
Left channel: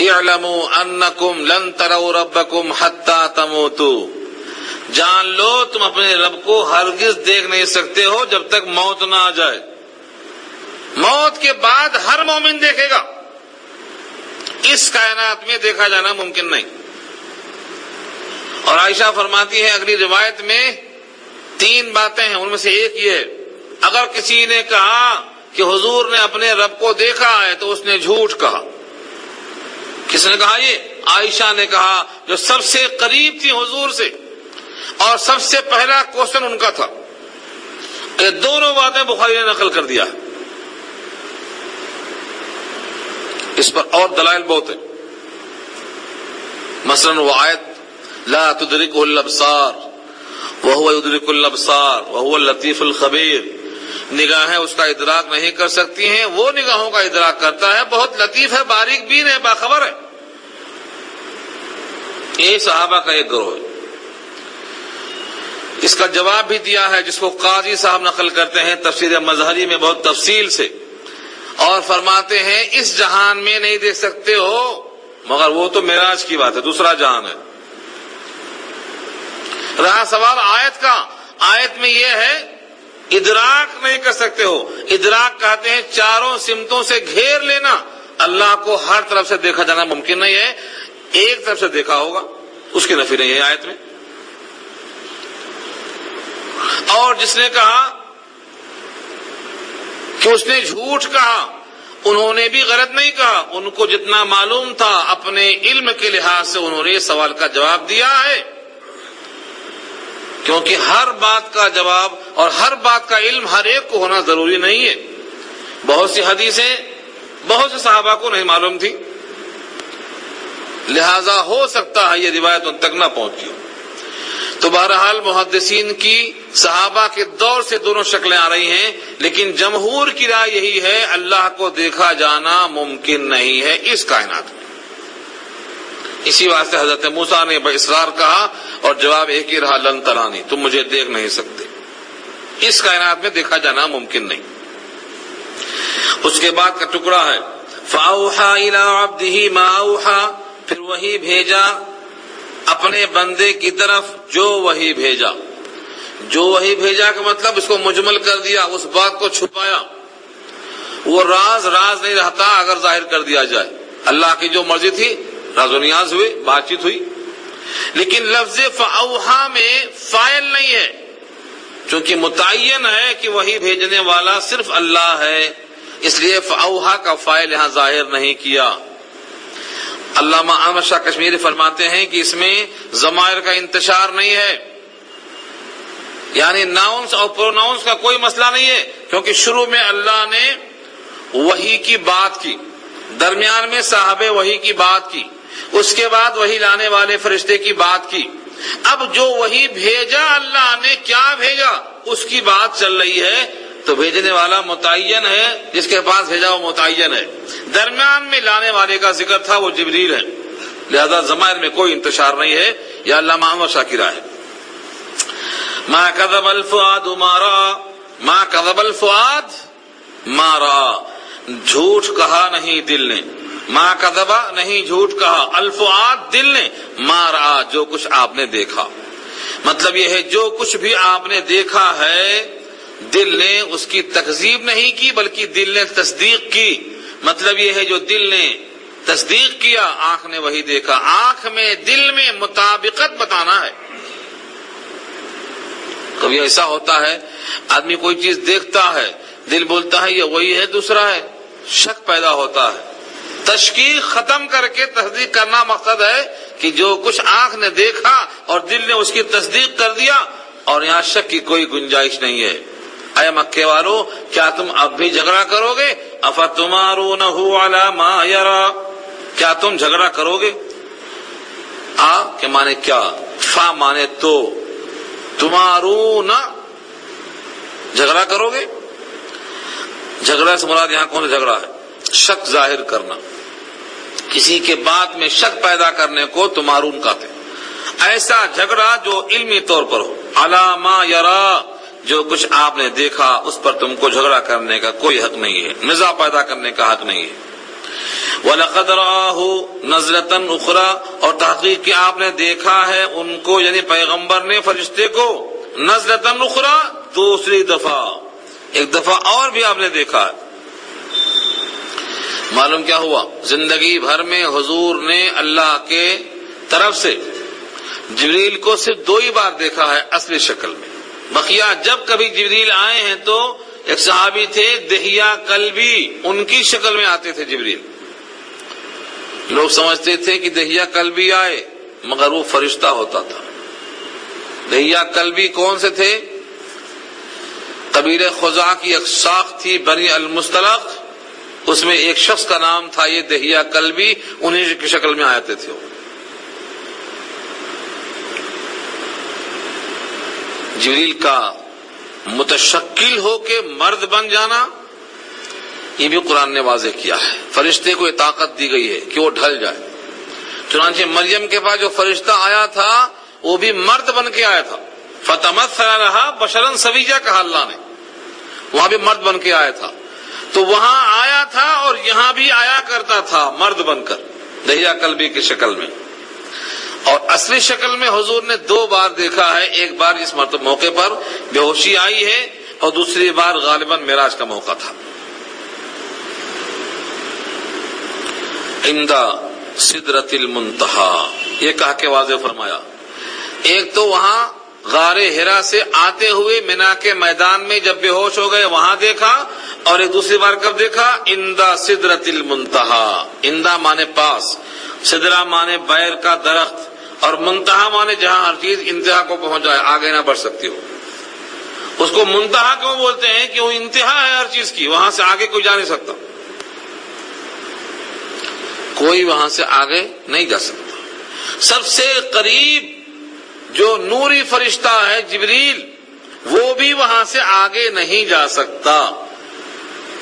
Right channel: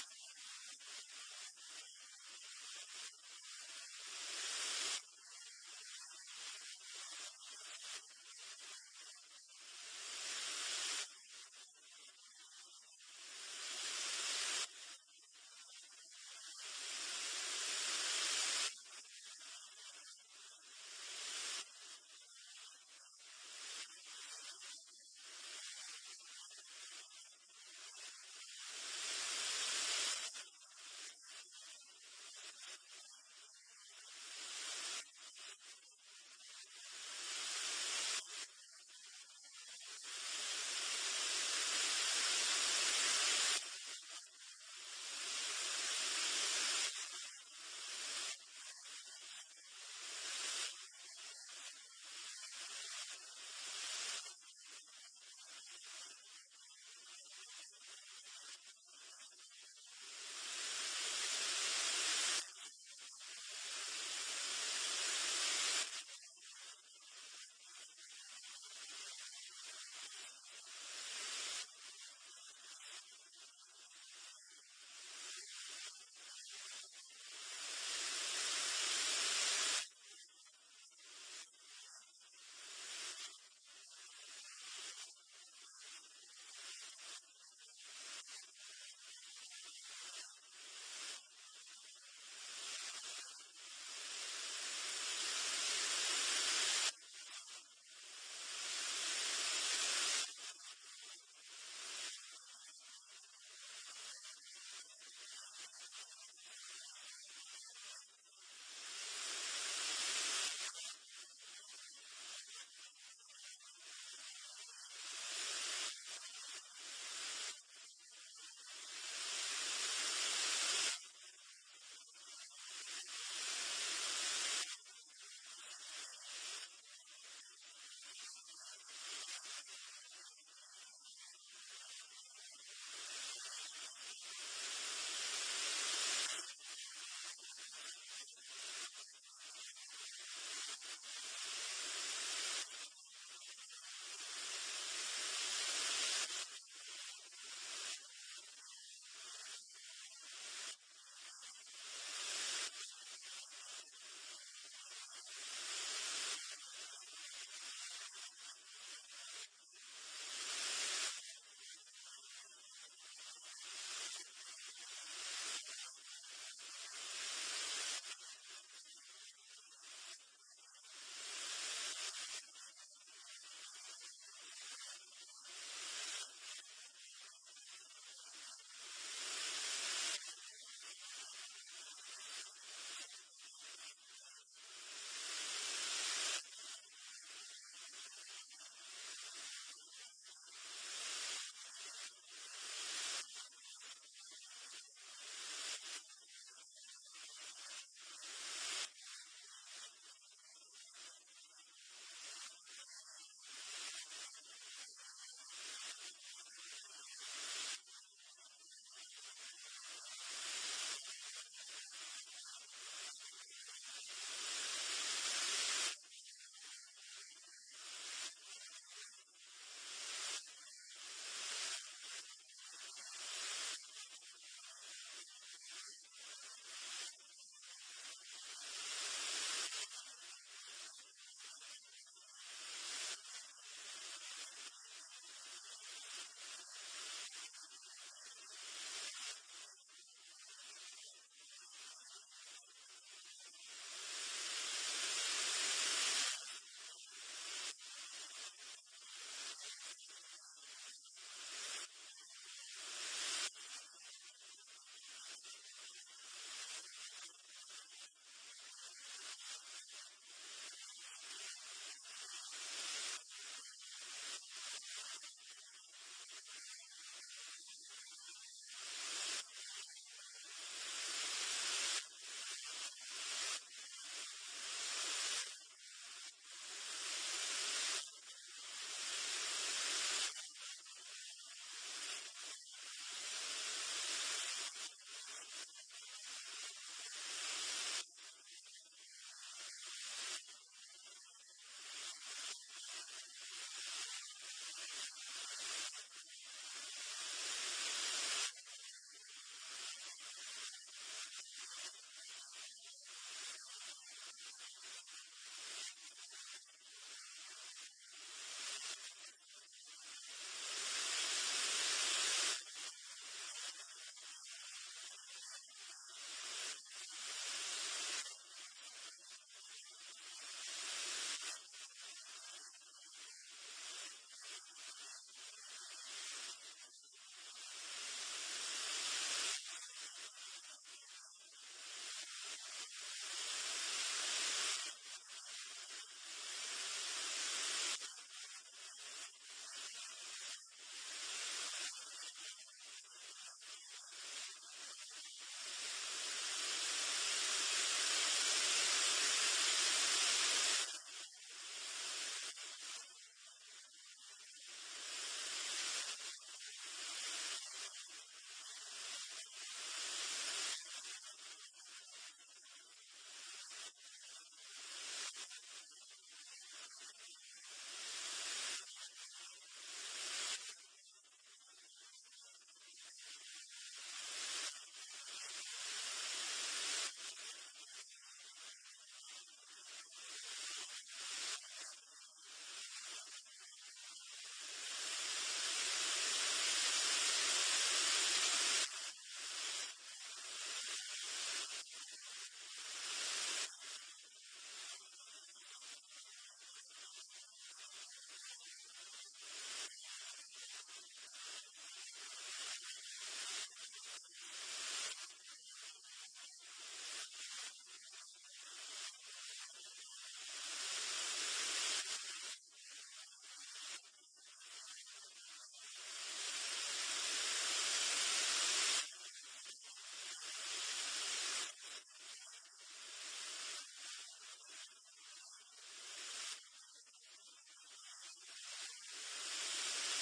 اعلموا انکم لن تروا ربکم حتی تموتوا، جان لو تم اپنے رب کو ہرگز دیکھ نہیں سکتے ہو جب تک موت نہ آ جائے۔ موت کے بعد ہر مومن دیکھے گا، اس کائنات میں دیکھا جانا ممکن نہیں۔ اور عائشہ فرماتی ہے اگلی روایت میں 3 باتیں ہیں، ان میں سے ایک یہ ہے، اگر کسی نے کہا کہ حضور نے اپنے رب کو دیکھا ہے تو اس نے جھوٹ کہا۔ کس نے کہا؟ یہ عائشہ نے کہا، جو سب سے قریب تھی حضور سے، اور سب سے پہلا کوشچن ان کا تھا۔ یہ دونوں باتیں بخاری نے نقل کر دیا ہے۔ اس پر اور دلائل بہت ہیں، مثلا وہ آیت لا تدرکہ الابصار وہو یدرک الابصار وہو اللطیف الخبیر، نگاہیں اس کا ادراک نہیں کر سکتی ہیں، وہ نگاہوں کا ادراک کرتا ہے، بہت لطیف ہے، باریک بین ہے، باخبر ہے۔ یہ صحابہ کا ایک گروہ ہے۔ اس کا جواب بھی دیا ہے جس کو قاضی صاحب نقل کرتے ہیں تفسیر مظہری میں بہت تفصیل سے، اور فرماتے ہیں اس جہان میں نہیں دیکھ سکتے ہو، مگر وہ تو معراج کی بات ہے، دوسرا جہان ہے۔ رہا سوال آیت کا، آیت میں یہ ہے ادراک نہیں کر سکتے ہو، ادراک کہتے ہیں چاروں سمتوں سے گھیر لینا، اللہ کو ہر طرف سے دیکھا جانا ممکن نہیں ہے، ایک طرف سے دیکھا ہوگا، اس کی نفی نہیں ہے آیت میں۔ اور جس نے کہا کہ اس نے جھوٹ کہا، انہوں نے بھی غلط نہیں کہا، ان کو جتنا معلوم تھا اپنے علم کے لحاظ سے انہوں نے اس سوال کا جواب دیا ہے، کیونکہ ہر بات کا جواب اور ہر بات کا علم ہر ایک کو ہونا ضروری نہیں ہے۔ بہت سی حدیثیں بہت سے صحابہ کو نہیں معلوم تھی، لہذا ہو سکتا ہے یہ روایت ان تک نہ پہنچی۔ تو بہرحال محدثین کی صحابہ کے دور سے دونوں شکلیں آ رہی ہیں، لیکن جمہور کی رائے یہی ہے اللہ کو دیکھا جانا ممکن نہیں ہے اس کائنات میں۔ اسی واسطے حضرت موسیٰ نے باصرار کہا اور جواب ایک ہی رہا، لن ترانی، تم مجھے دیکھ نہیں سکتے، اس کائنات میں دیکھا جانا ممکن نہیں۔ اس کے بعد کا ٹکڑا ہے فَأَوْحَى إِلَىٰ عَبْدِهِ مَا أَوْحَىٰ، پھر وہی بھیجا اپنے بندے کی طرف جو وہی بھیجا۔ جو وہی بھیجا کا مطلب اس کو مجمل کر دیا، اس بات کو چھپایا، وہ راز نہیں رہتا اگر ظاہر کر دیا جائے۔ اللہ کی جو مرضی تھی، راز و نیاز ہوئے، بات چیت ہوئی، لیکن لفظ فَأَوْحَىٰ میں فاعل نہیں ہے، چونکہ متعین ہے کہ وہی بھیجنے والا صرف اللہ ہے، اس لیے فَأَوْحَىٰ کا فاعل یہاں ظاہر نہیں کیا۔ علامہ احمد شاہ کشمیری فرماتے ہیں کہ اس میں ضمائر کا انتشار نہیں ہے، یعنی ناؤنس اور پروناؤنس کا کوئی مسئلہ نہیں ہے، کیونکہ شروع میں اللہ نے وحی کی بات کی، درمیان میں صاحب وحی کی بات کی، اس کے بعد وحی لانے والے فرشتے کی بات کی۔ اب جو وحی بھیجا اللہ نے کیا بھیجا اس کی بات چل رہی ہے، تو بھیجنے والا متعین ہے، جس کے پاس بھیجا وہ متعین ہے، درمیان میں لانے والے کا ذکر تھا وہ جبریل ہے، لہذا ضمائر میں کوئی انتشار نہیں ہے۔ یا علامہ احمد شاہ کی رائے ما کذب الفؤاد ما رأى، ما کذب الفؤاد ما رأى، جھوٹ کہا نہیں دل نے، ما کذبا نہیں جھوٹ کہا، الفؤاد دل نے، ما رأى جو کچھ آپ نے دیکھا، مطلب یہ ہے جو کچھ بھی آپ نے دیکھا ہے دل نے اس کی تکذیب نہیں کی بلکہ دل نے تصدیق کی، مطلب یہ ہے جو دل نے تصدیق کیا آنکھ نے وہی دیکھا، آنکھ میں دل میں مطابقت بتانا ہے۔ کبھی ایسا ہوتا ہے آدمی کوئی چیز دیکھتا ہے، دل بولتا ہے یہ وہی ہے، دوسرا ہے، شک پیدا ہوتا ہے، تشکیک ختم کر کے تصدیق کرنا مقصد ہے کہ جو کچھ آنکھ نے دیکھا اور دل نے اس کی تصدیق کر دیا، اور یہاں شک کی کوئی گنجائش نہیں ہے۔ اے مکے والو، کیا تم اب بھی جھگڑا کرو گے؟ افتمارونہ علی ما یرا، کیا تم جھگڑا کرو گے؟ آ کے مانے کیا، فا مانے تو، تمارون جھگڑا کرو گے۔ جھگڑا سے مراد یہاں کون سا جھگڑا ہے؟ شک ظاہر کرنا، کسی کے بات میں شک پیدا کرنے کو تمارون کہتے ہیں۔ ایسا جھگڑا جو علمی طور پر ہو، علی ما یرا، جو کچھ آپ نے دیکھا اس پر تم کو جھگڑا کرنے کا کوئی حق نہیں ہے، نزاع پیدا کرنے کا حق نہیں ہے۔ وَلَقَدْ رَآهُ نَزْلَةً أُخْرَىٰ، اور تحقیق کہ آپ نے دیکھا ہے ان کو، یعنی پیغمبر نے فرشتے کو، نزلۃ اخرى دوسری دفعہ، ایک دفعہ اور بھی آپ نے دیکھا ہے۔ معلوم کیا ہوا؟ زندگی بھر میں حضور نے اللہ کے طرف سے جبریل کو صرف 2 ہی بار دیکھا ہے اصلی شکل میں، بقیہ جب کبھی جبریل آئے ہیں تو ایک صحابی تھے دہیہ کلبی، ان کی شکل میں آتے تھے جبریل۔ لوگ سمجھتے تھے کہ دہیہ کلبی آئے، مگر وہ فرشتہ ہوتا تھا۔ دہیہ کلبی کون سے تھے؟ قبیلہ خزاع کی ایک ساخت تھی بنی المستلق، اس میں ایک شخص کا نام تھا یہ دہیہ کلبی، انہیں کی شکل میں آتے تھے۔ جبریل کا متشکل ہو کے مرد بن جانا یہ بھی قرآن نے واضح کیا ہے. فرشتے کو یہ طاقت دی گئی ہے کہ وہ ڈھل جائے. چنانچہ مریم کے پاس جو فرشتہ آیا تھا وہ بھی مرد بن کے آیا تھا. فتمثل لها بشرا سویا کہا اللہ نے, وہاں بھی مرد بن کے آیا تھا. تو وہاں آیا تھا اور یہاں بھی آیا کرتا تھا مرد بن کر دہیا قلبی کی شکل میں. اور اصلی شکل میں حضور نے 2 بار دیکھا ہے. ایک بار اس موقع پر بے ہوشی آئی ہے اور دوسری بار غالباً معراج کا موقع تھا. عند سدرۃ المنتہی یہ کہا کہ واضح فرمایا. ایک تو وہاں غار حرا سے آتے ہوئے مینا کے میدان میں جب بے ہوش ہو گئے وہاں دیکھا, اور ایک دوسری بار کب دیکھا؟ عند سدرۃ المنتہی. عند مانے پاس, سدرہ مانے بیر کا درخت, اور منتہا مانے جہاں ہر چیز انتہا کو پہنچ جائے, آگے نہ بڑھ سکتی ہو. اس کو منتہا کیوں بولتے ہیں؟ کہ وہ انتہا ہے ہر چیز کی, وہاں سے آگے کوئی جا نہیں سکتا, کوئی وہاں سے آگے نہیں جا سکتا. سب سے قریب جو نوری فرشتہ ہے جبریل, وہ بھی وہاں سے آگے نہیں جا سکتا.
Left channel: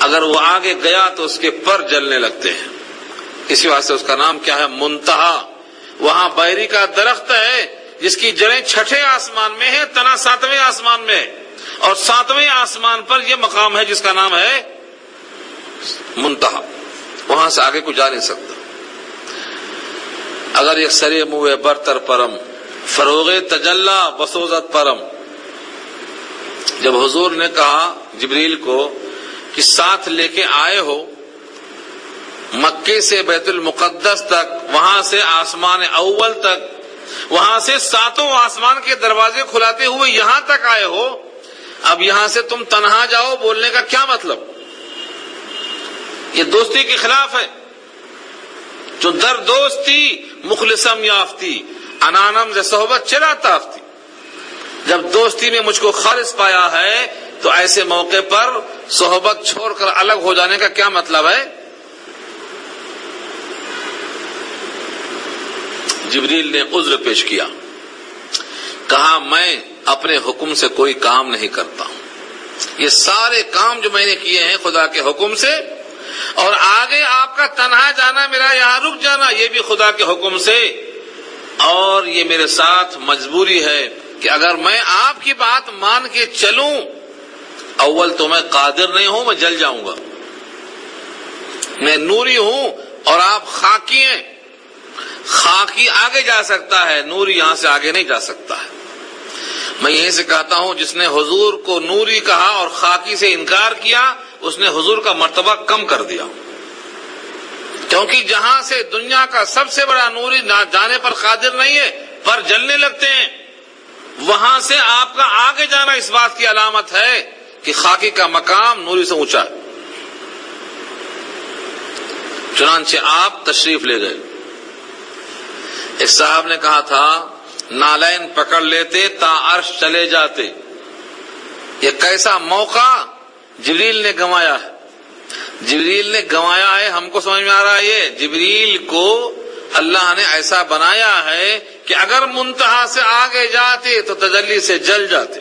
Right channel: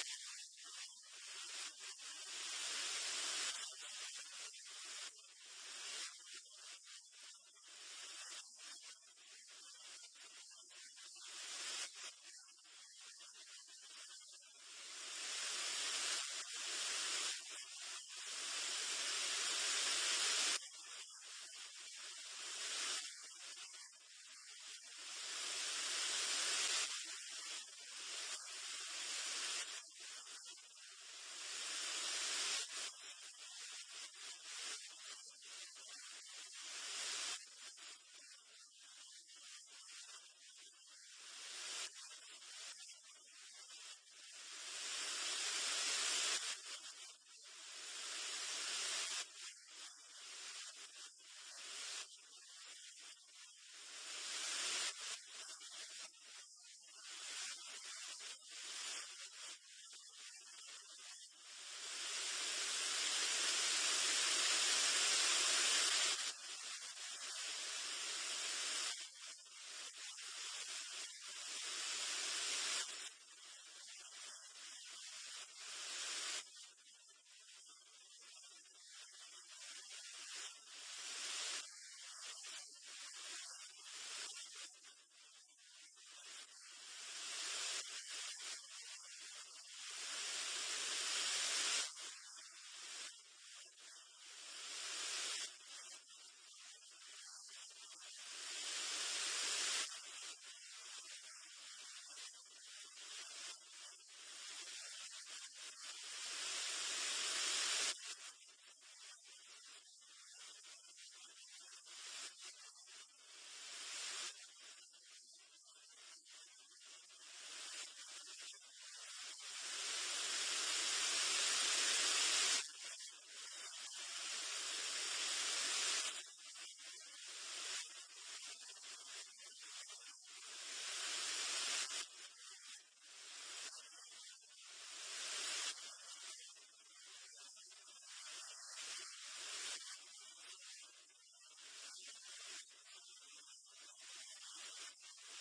اگر وہ آگے گیا تو اس کے پر جلنے لگتے ہیں. اسی واسطے اس کا نام کیا ہے؟ منتہا. وہاں بیری کا درخت ہے جس کی جڑیں 6 آسمان میں ہے, تنا 7ویں آسمان میں ہے, اور 7ویں آسمان پر یہ مقام ہے جس کا نام ہے منتہا. وہاں سے آگے کوئی جا نہیں سکتا. اگر یک سرے موے برتر پرم فروغ تجلا بسوزت پرم. جب حضور نے کہا جبریل کو کہ ساتھ لے کے آئے ہو مکے سے بیت المقدس تک, وہاں سے آسمان اول تک, وہاں سے 7 آسمان کے دروازے کھلاتے ہوئے یہاں تک آئے ہو, اب یہاں سے تم تنہا جاؤ, بولنے کا کیا مطلب؟ یہ دوستی کے خلاف ہے. جو در دوستی مخلصم یافتی انانم ز صحبت چرا تافتی. جب دوستی میں مجھ کو خالص پایا ہے تو ایسے موقع پر صحبت چھوڑ کر الگ ہو جانے کا کیا مطلب ہے؟ جبریل نے عذر پیش کیا, کہا میں اپنے حکم سے کوئی کام نہیں کرتا ہوں. یہ سارے کام جو میں نے کیے ہیں خدا کے حکم سے, اور آگے آپ کا تنہا جانا, میرا یہاں رک جانا, یہ بھی خدا کے حکم سے. اور یہ میرے ساتھ مجبوری ہے کہ اگر میں آپ کی بات مان کے چلوں, اول تو میں قادر نہیں ہوں, میں جل جاؤں گا. میں نوری ہوں اور آپ خاکی ہیں. خاکی آگے جا سکتا ہے, نوری یہاں سے آگے نہیں جا سکتا ہے. میں یہیں سے کہتا ہوں جس نے حضور کو نوری کہا اور خاکی سے انکار کیا, اس نے حضور کا مرتبہ کم کر دیا. کیونکہ جہاں سے دنیا کا سب سے بڑا نوری جانے پر قادر نہیں ہے, پر جلنے لگتے ہیں, وہاں سے آپ کا آگے جانا اس بات کی علامت ہے کہ خاکی کا مقام نوری سے اونچا ہے. چنانچہ آپ تشریف لے گئے. ایک صاحب نے کہا تھا نالین پکڑ لیتے تا عرش چلے جاتے. یہ کیسا موقع جبریل نے گنوایا ہے. جبریل نے گنوایا ہے, ہم کو سمجھ میں آ رہا ہے. یہ جبریل کو اللہ نے ایسا بنایا ہے کہ اگر منتہا سے آگے جاتے تو تجلی سے جل جاتے.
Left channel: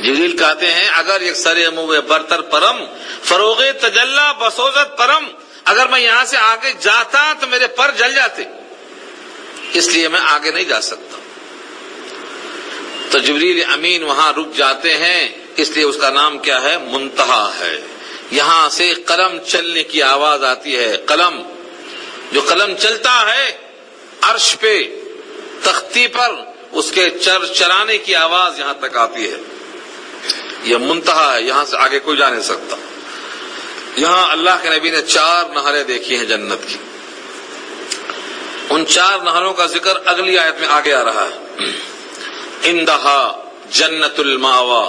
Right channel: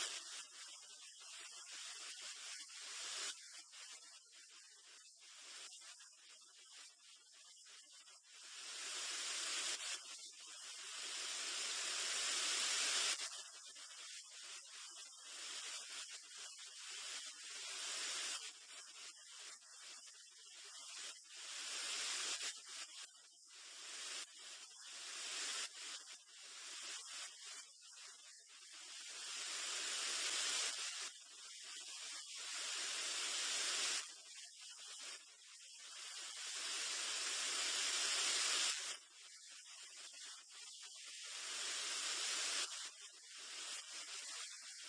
جبریل کہتے ہیں اگر ایک سرے موے برتر پرم فروغ تجلا بسوزت پرم, اگر میں یہاں سے آگے جاتا تو میرے پر جل جاتے, اس لیے میں آگے نہیں جا سکتا. تو جبریل امین وہاں رک جاتے ہیں, اس لیے اس کا نام کیا ہے؟ منتہا ہے. یہاں سے قلم چلنے کی آواز آتی ہے. قلم, جو قلم چلتا ہے عرش پہ تختی پر, اس کے چرانے کی آواز یہاں تک آتی ہے. یہ منتہا ہے, یہاں سے آگے کوئی جا نہیں سکتا. یہاں اللہ کے نبی نے 4 نہریں دیکھی ہیں جنت کی. ان 4 نہروں کا ذکر اگلی آیت میں آگے آ رہا ہے. اندہا جنت الماوا,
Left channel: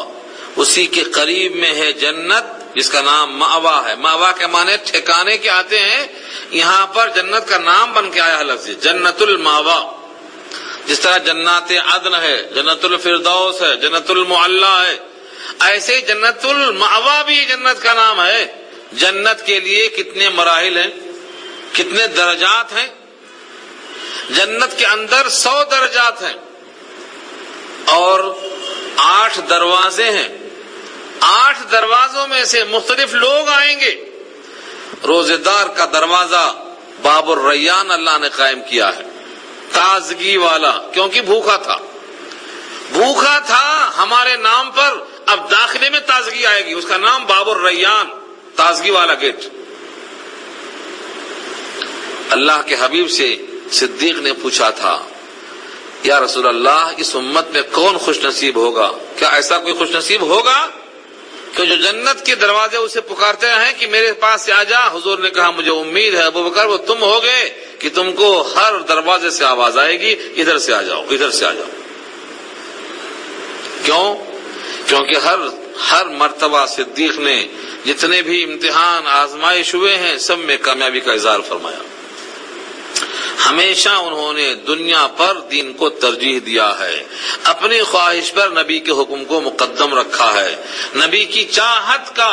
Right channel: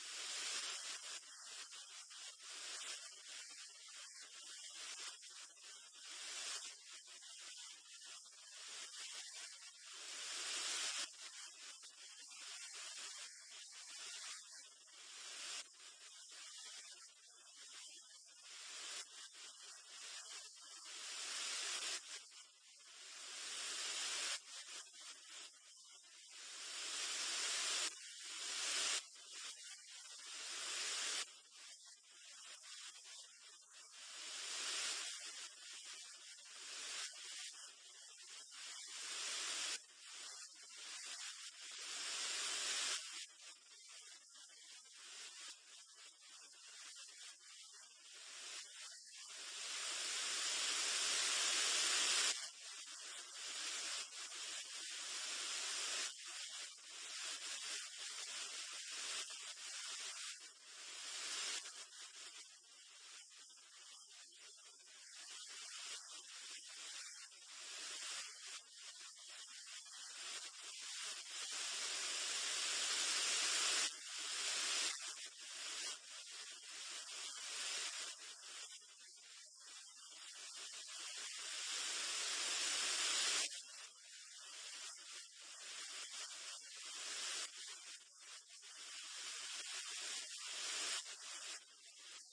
اسی کے قریب میں ہے جنت جس کا نام ماوا ہے. ماوا کے معنی ٹھکانے کے آتے ہیں, یہاں پر جنت کا نام بن کے آیا ہے لفظ جنت الماوا. جس طرح جنات عدن ہے, جنت الفردوس ہے, جنت المعلا ہے, ایسے جنت الماوا بھی جنت کا نام ہے. جنت کے لیے کتنے مراحل ہیں, کتنے درجات ہیں. جنت کے اندر 100 درجات ہیں, اور 8 دروازے ہیں، 8 دروازوں میں سے مختلف لوگ آئیں گے۔ روزے دار کا دروازہ باب الریان اللہ نے قائم کیا ہے، تازگی والا، کیونکہ بھوکا تھا ہمارے نام پر، اب داخلے میں تازگی آئے گی، اس کا نام باب الریان، تازگی والا گیٹ۔ اللہ کے حبیب سے صدیق نے پوچھا تھا، یا رسول اللہ اس امت میں کون خوش نصیب ہوگا؟ کیا ایسا کوئی خوش نصیب ہوگا کہ جو جنت کے دروازے اسے پکارتے ہیں کہ میرے پاس سے آ جا؟ حضور نے کہا مجھے امید ہے ابو بکر وہ تم ہوگے کہ تم کو ہر دروازے سے آواز آئے گی ادھر سے آ جاؤ، ادھر سے آ جاؤ۔ کیوں؟ کیونکہ ہر مرتبہ صدیق نے جتنے بھی امتحان آزمائش ہوئے ہیں سب میں کامیابی کا اظہار فرمایا۔ ہمیشہ انہوں نے دنیا پر دین کو ترجیح دیا ہے، اپنی خواہش پر نبی کے حکم کو مقدم رکھا ہے، نبی کی چاہت کا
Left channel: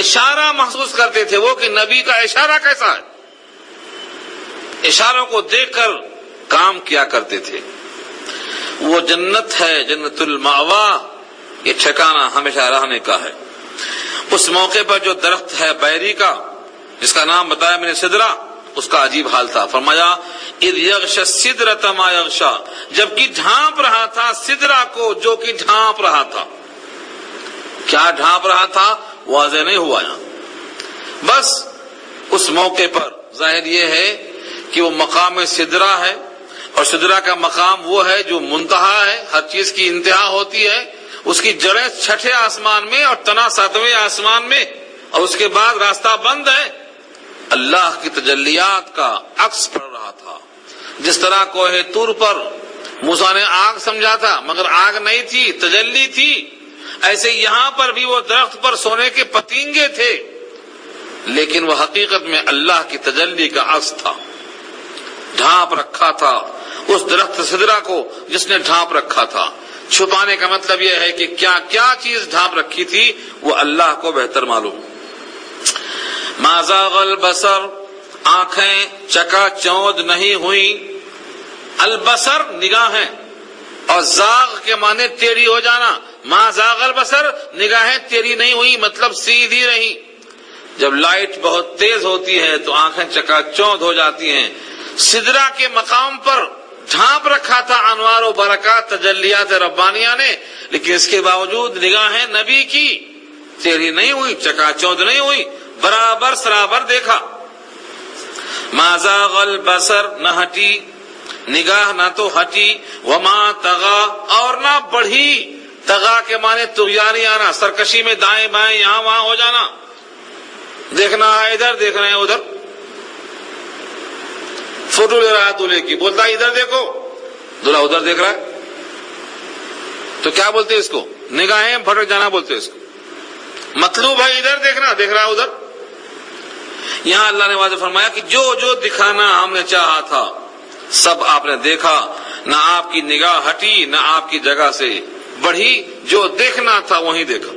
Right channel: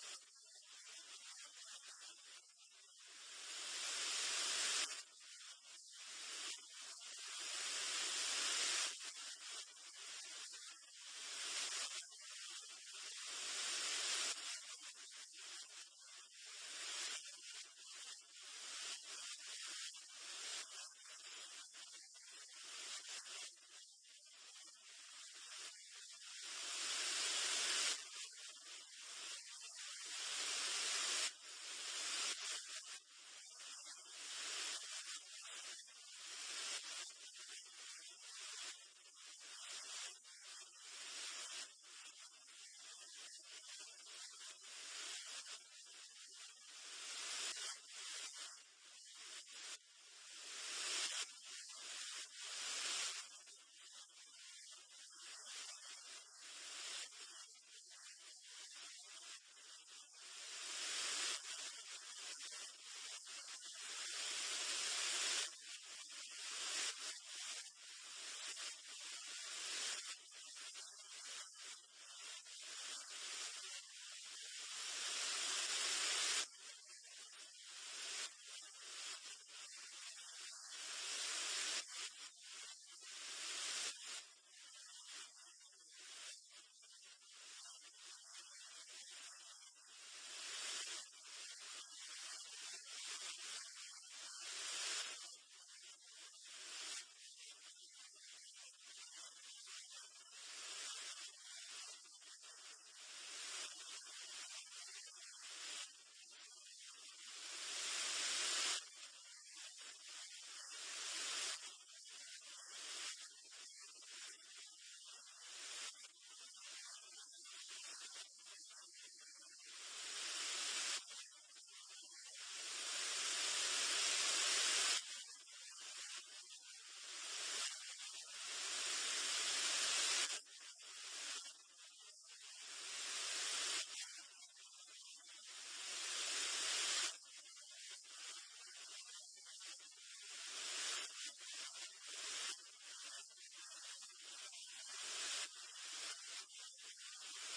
اشارہ محسوس کرتے تھے وہ کہ نبی کا اشارہ کیسا ہے، اشاروں کو دیکھ کر کام کیا کرتے تھے۔ وہ جنت ہے، جنت المأوا، یہ ٹھکانہ ہمیشہ رہنے کا ہے۔ اس موقع پر جو درخت ہے بیری کا، جس کا نام بتایا میں نے سدرہ، اس کا عجیب حال تھا۔ فرمایا اذ یغشی السدرۃ ما یغشی، جبکہ ڈھانپ رہا تھا سدرہ کو جو کہ ڈھانپ رہا تھا۔ کیا ڈھانپ رہا تھا واضح نہیں ہوا یہاں، بس اس موقع پر ظاہر یہ ہے کہ وہ مقام سدرہ ہے، اور سدرہ کا مقام وہ ہے جو منتہا ہے، ہر چیز کی انتہا ہوتی ہے، اس کی جڑیں 6 آسمان میں اور تنا 7ویں آسمان میں، اور اس کے بعد راستہ بند ہے۔ اللہ کی تجلیات کا عکس پڑ رہا تھا، جس طرح کوہ طور پر موسیٰ نے آگ سمجھا تھا مگر آگ نہیں تھی، تجلی تھی، ایسے یہاں پر بھی وہ درخت پر سونے کے پتنگے تھے، لیکن وہ حقیقت میں اللہ کی تجلی کا عکس تھا۔ ڈھانپ رکھا تھا اس درخت سدرہ کو جس نے ڈھانپ رکھا تھا۔ چھپانے کا مطلب یہ ہے کہ کیا کیا چیز ڈھانپ رکھی تھی وہ اللہ کو بہتر معلوم۔ ما زاغ البصر، آنکھیں چکا چوند نہیں ہوئی، البصر نگاہیں، اور زاغ کے معنی ٹیڑھی ہو جانا، ما زاغ البصر نگاہیں ٹیڑھی نہیں ہوئی مطلب سیدھی رہی۔ جب لائٹ بہت تیز ہوتی ہے تو آنکھیں چکا چوند ہو جاتی ہیں۔ سدرہ کے مقام پر ڈھانپ رکھا تھا انوار و برکات تجلیات ربانیہ نے، لیکن اس کے باوجود نگاہیں نبی کی ٹیڑھی نہیں ہوئی، چکا چوند نہیں ہوئی، برابر سرابر دیکھا۔ ما زاغ البصر، نہ ہٹی نگاہ، نہ تو ہٹی، وما طغا، اور نہ بڑھی۔ طغا کے معنی طغیانی آنا، سرکشی میں دائیں بائیں یہاں وہاں ہو جانا، دیکھنا ہے ادھر دیکھنا ہے ادھر۔ فوٹو لے رہا ہے دولہے کی، بولتا ہے ادھر دیکھو، دولہا ادھر دیکھ رہا ہے، تو کیا بولتے اس کو؟ نگاہیں بھٹک جانا بولتے اس کو۔ مطلوب ہے ادھر دیکھنا، دیکھ رہا ہے ادھر۔ یہاں اللہ نے واضح فرمایا کہ جو جو دکھانا ہم نے چاہا تھا سب آپ نے دیکھا، نہ آپ کی نگاہ ہٹی نہ آپ کی جگہ سے بڑھی، جو دیکھنا تھا وہیں دیکھا۔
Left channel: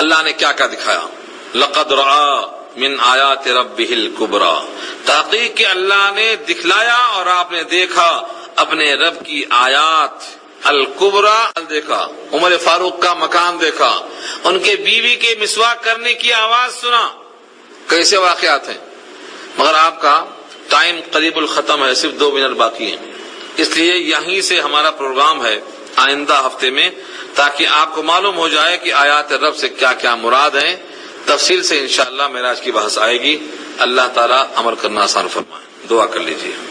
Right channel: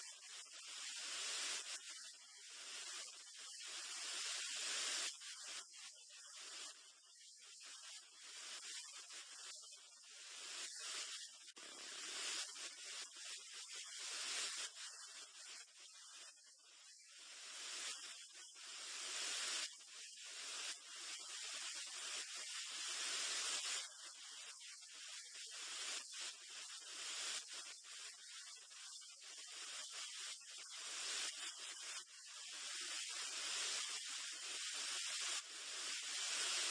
اللہ نے کیا کیا دکھایا؟ لقد رأى من آیات ربہ الکبریٰ، تحقیق کہ اللہ نے دکھلایا اور آپ نے دیکھا اپنے رب کی آیات الکبریٰ دیکھا۔ عمر فاروق کا مکان دیکھا، ان کے بیوی کے مسواک کرنے کی آواز سنا۔ کیسے واقعات ہیں، مگر آپ کا ٹائم قریب الختم ہے، صرف 2 منٹ باقی ہیں، اس لیے یہیں سے ہمارا پروگرام ہے آئندہ ہفتے میں، تاکہ آپ کو معلوم ہو جائے کہ آیات رب سے کیا کیا مراد ہیں۔ تفصیل سے انشاءاللہ معراج کی بحث آئے گی۔ اللہ تعالیٰ عمل کرنا آسان فرمائے۔ دعا کر لیجیے۔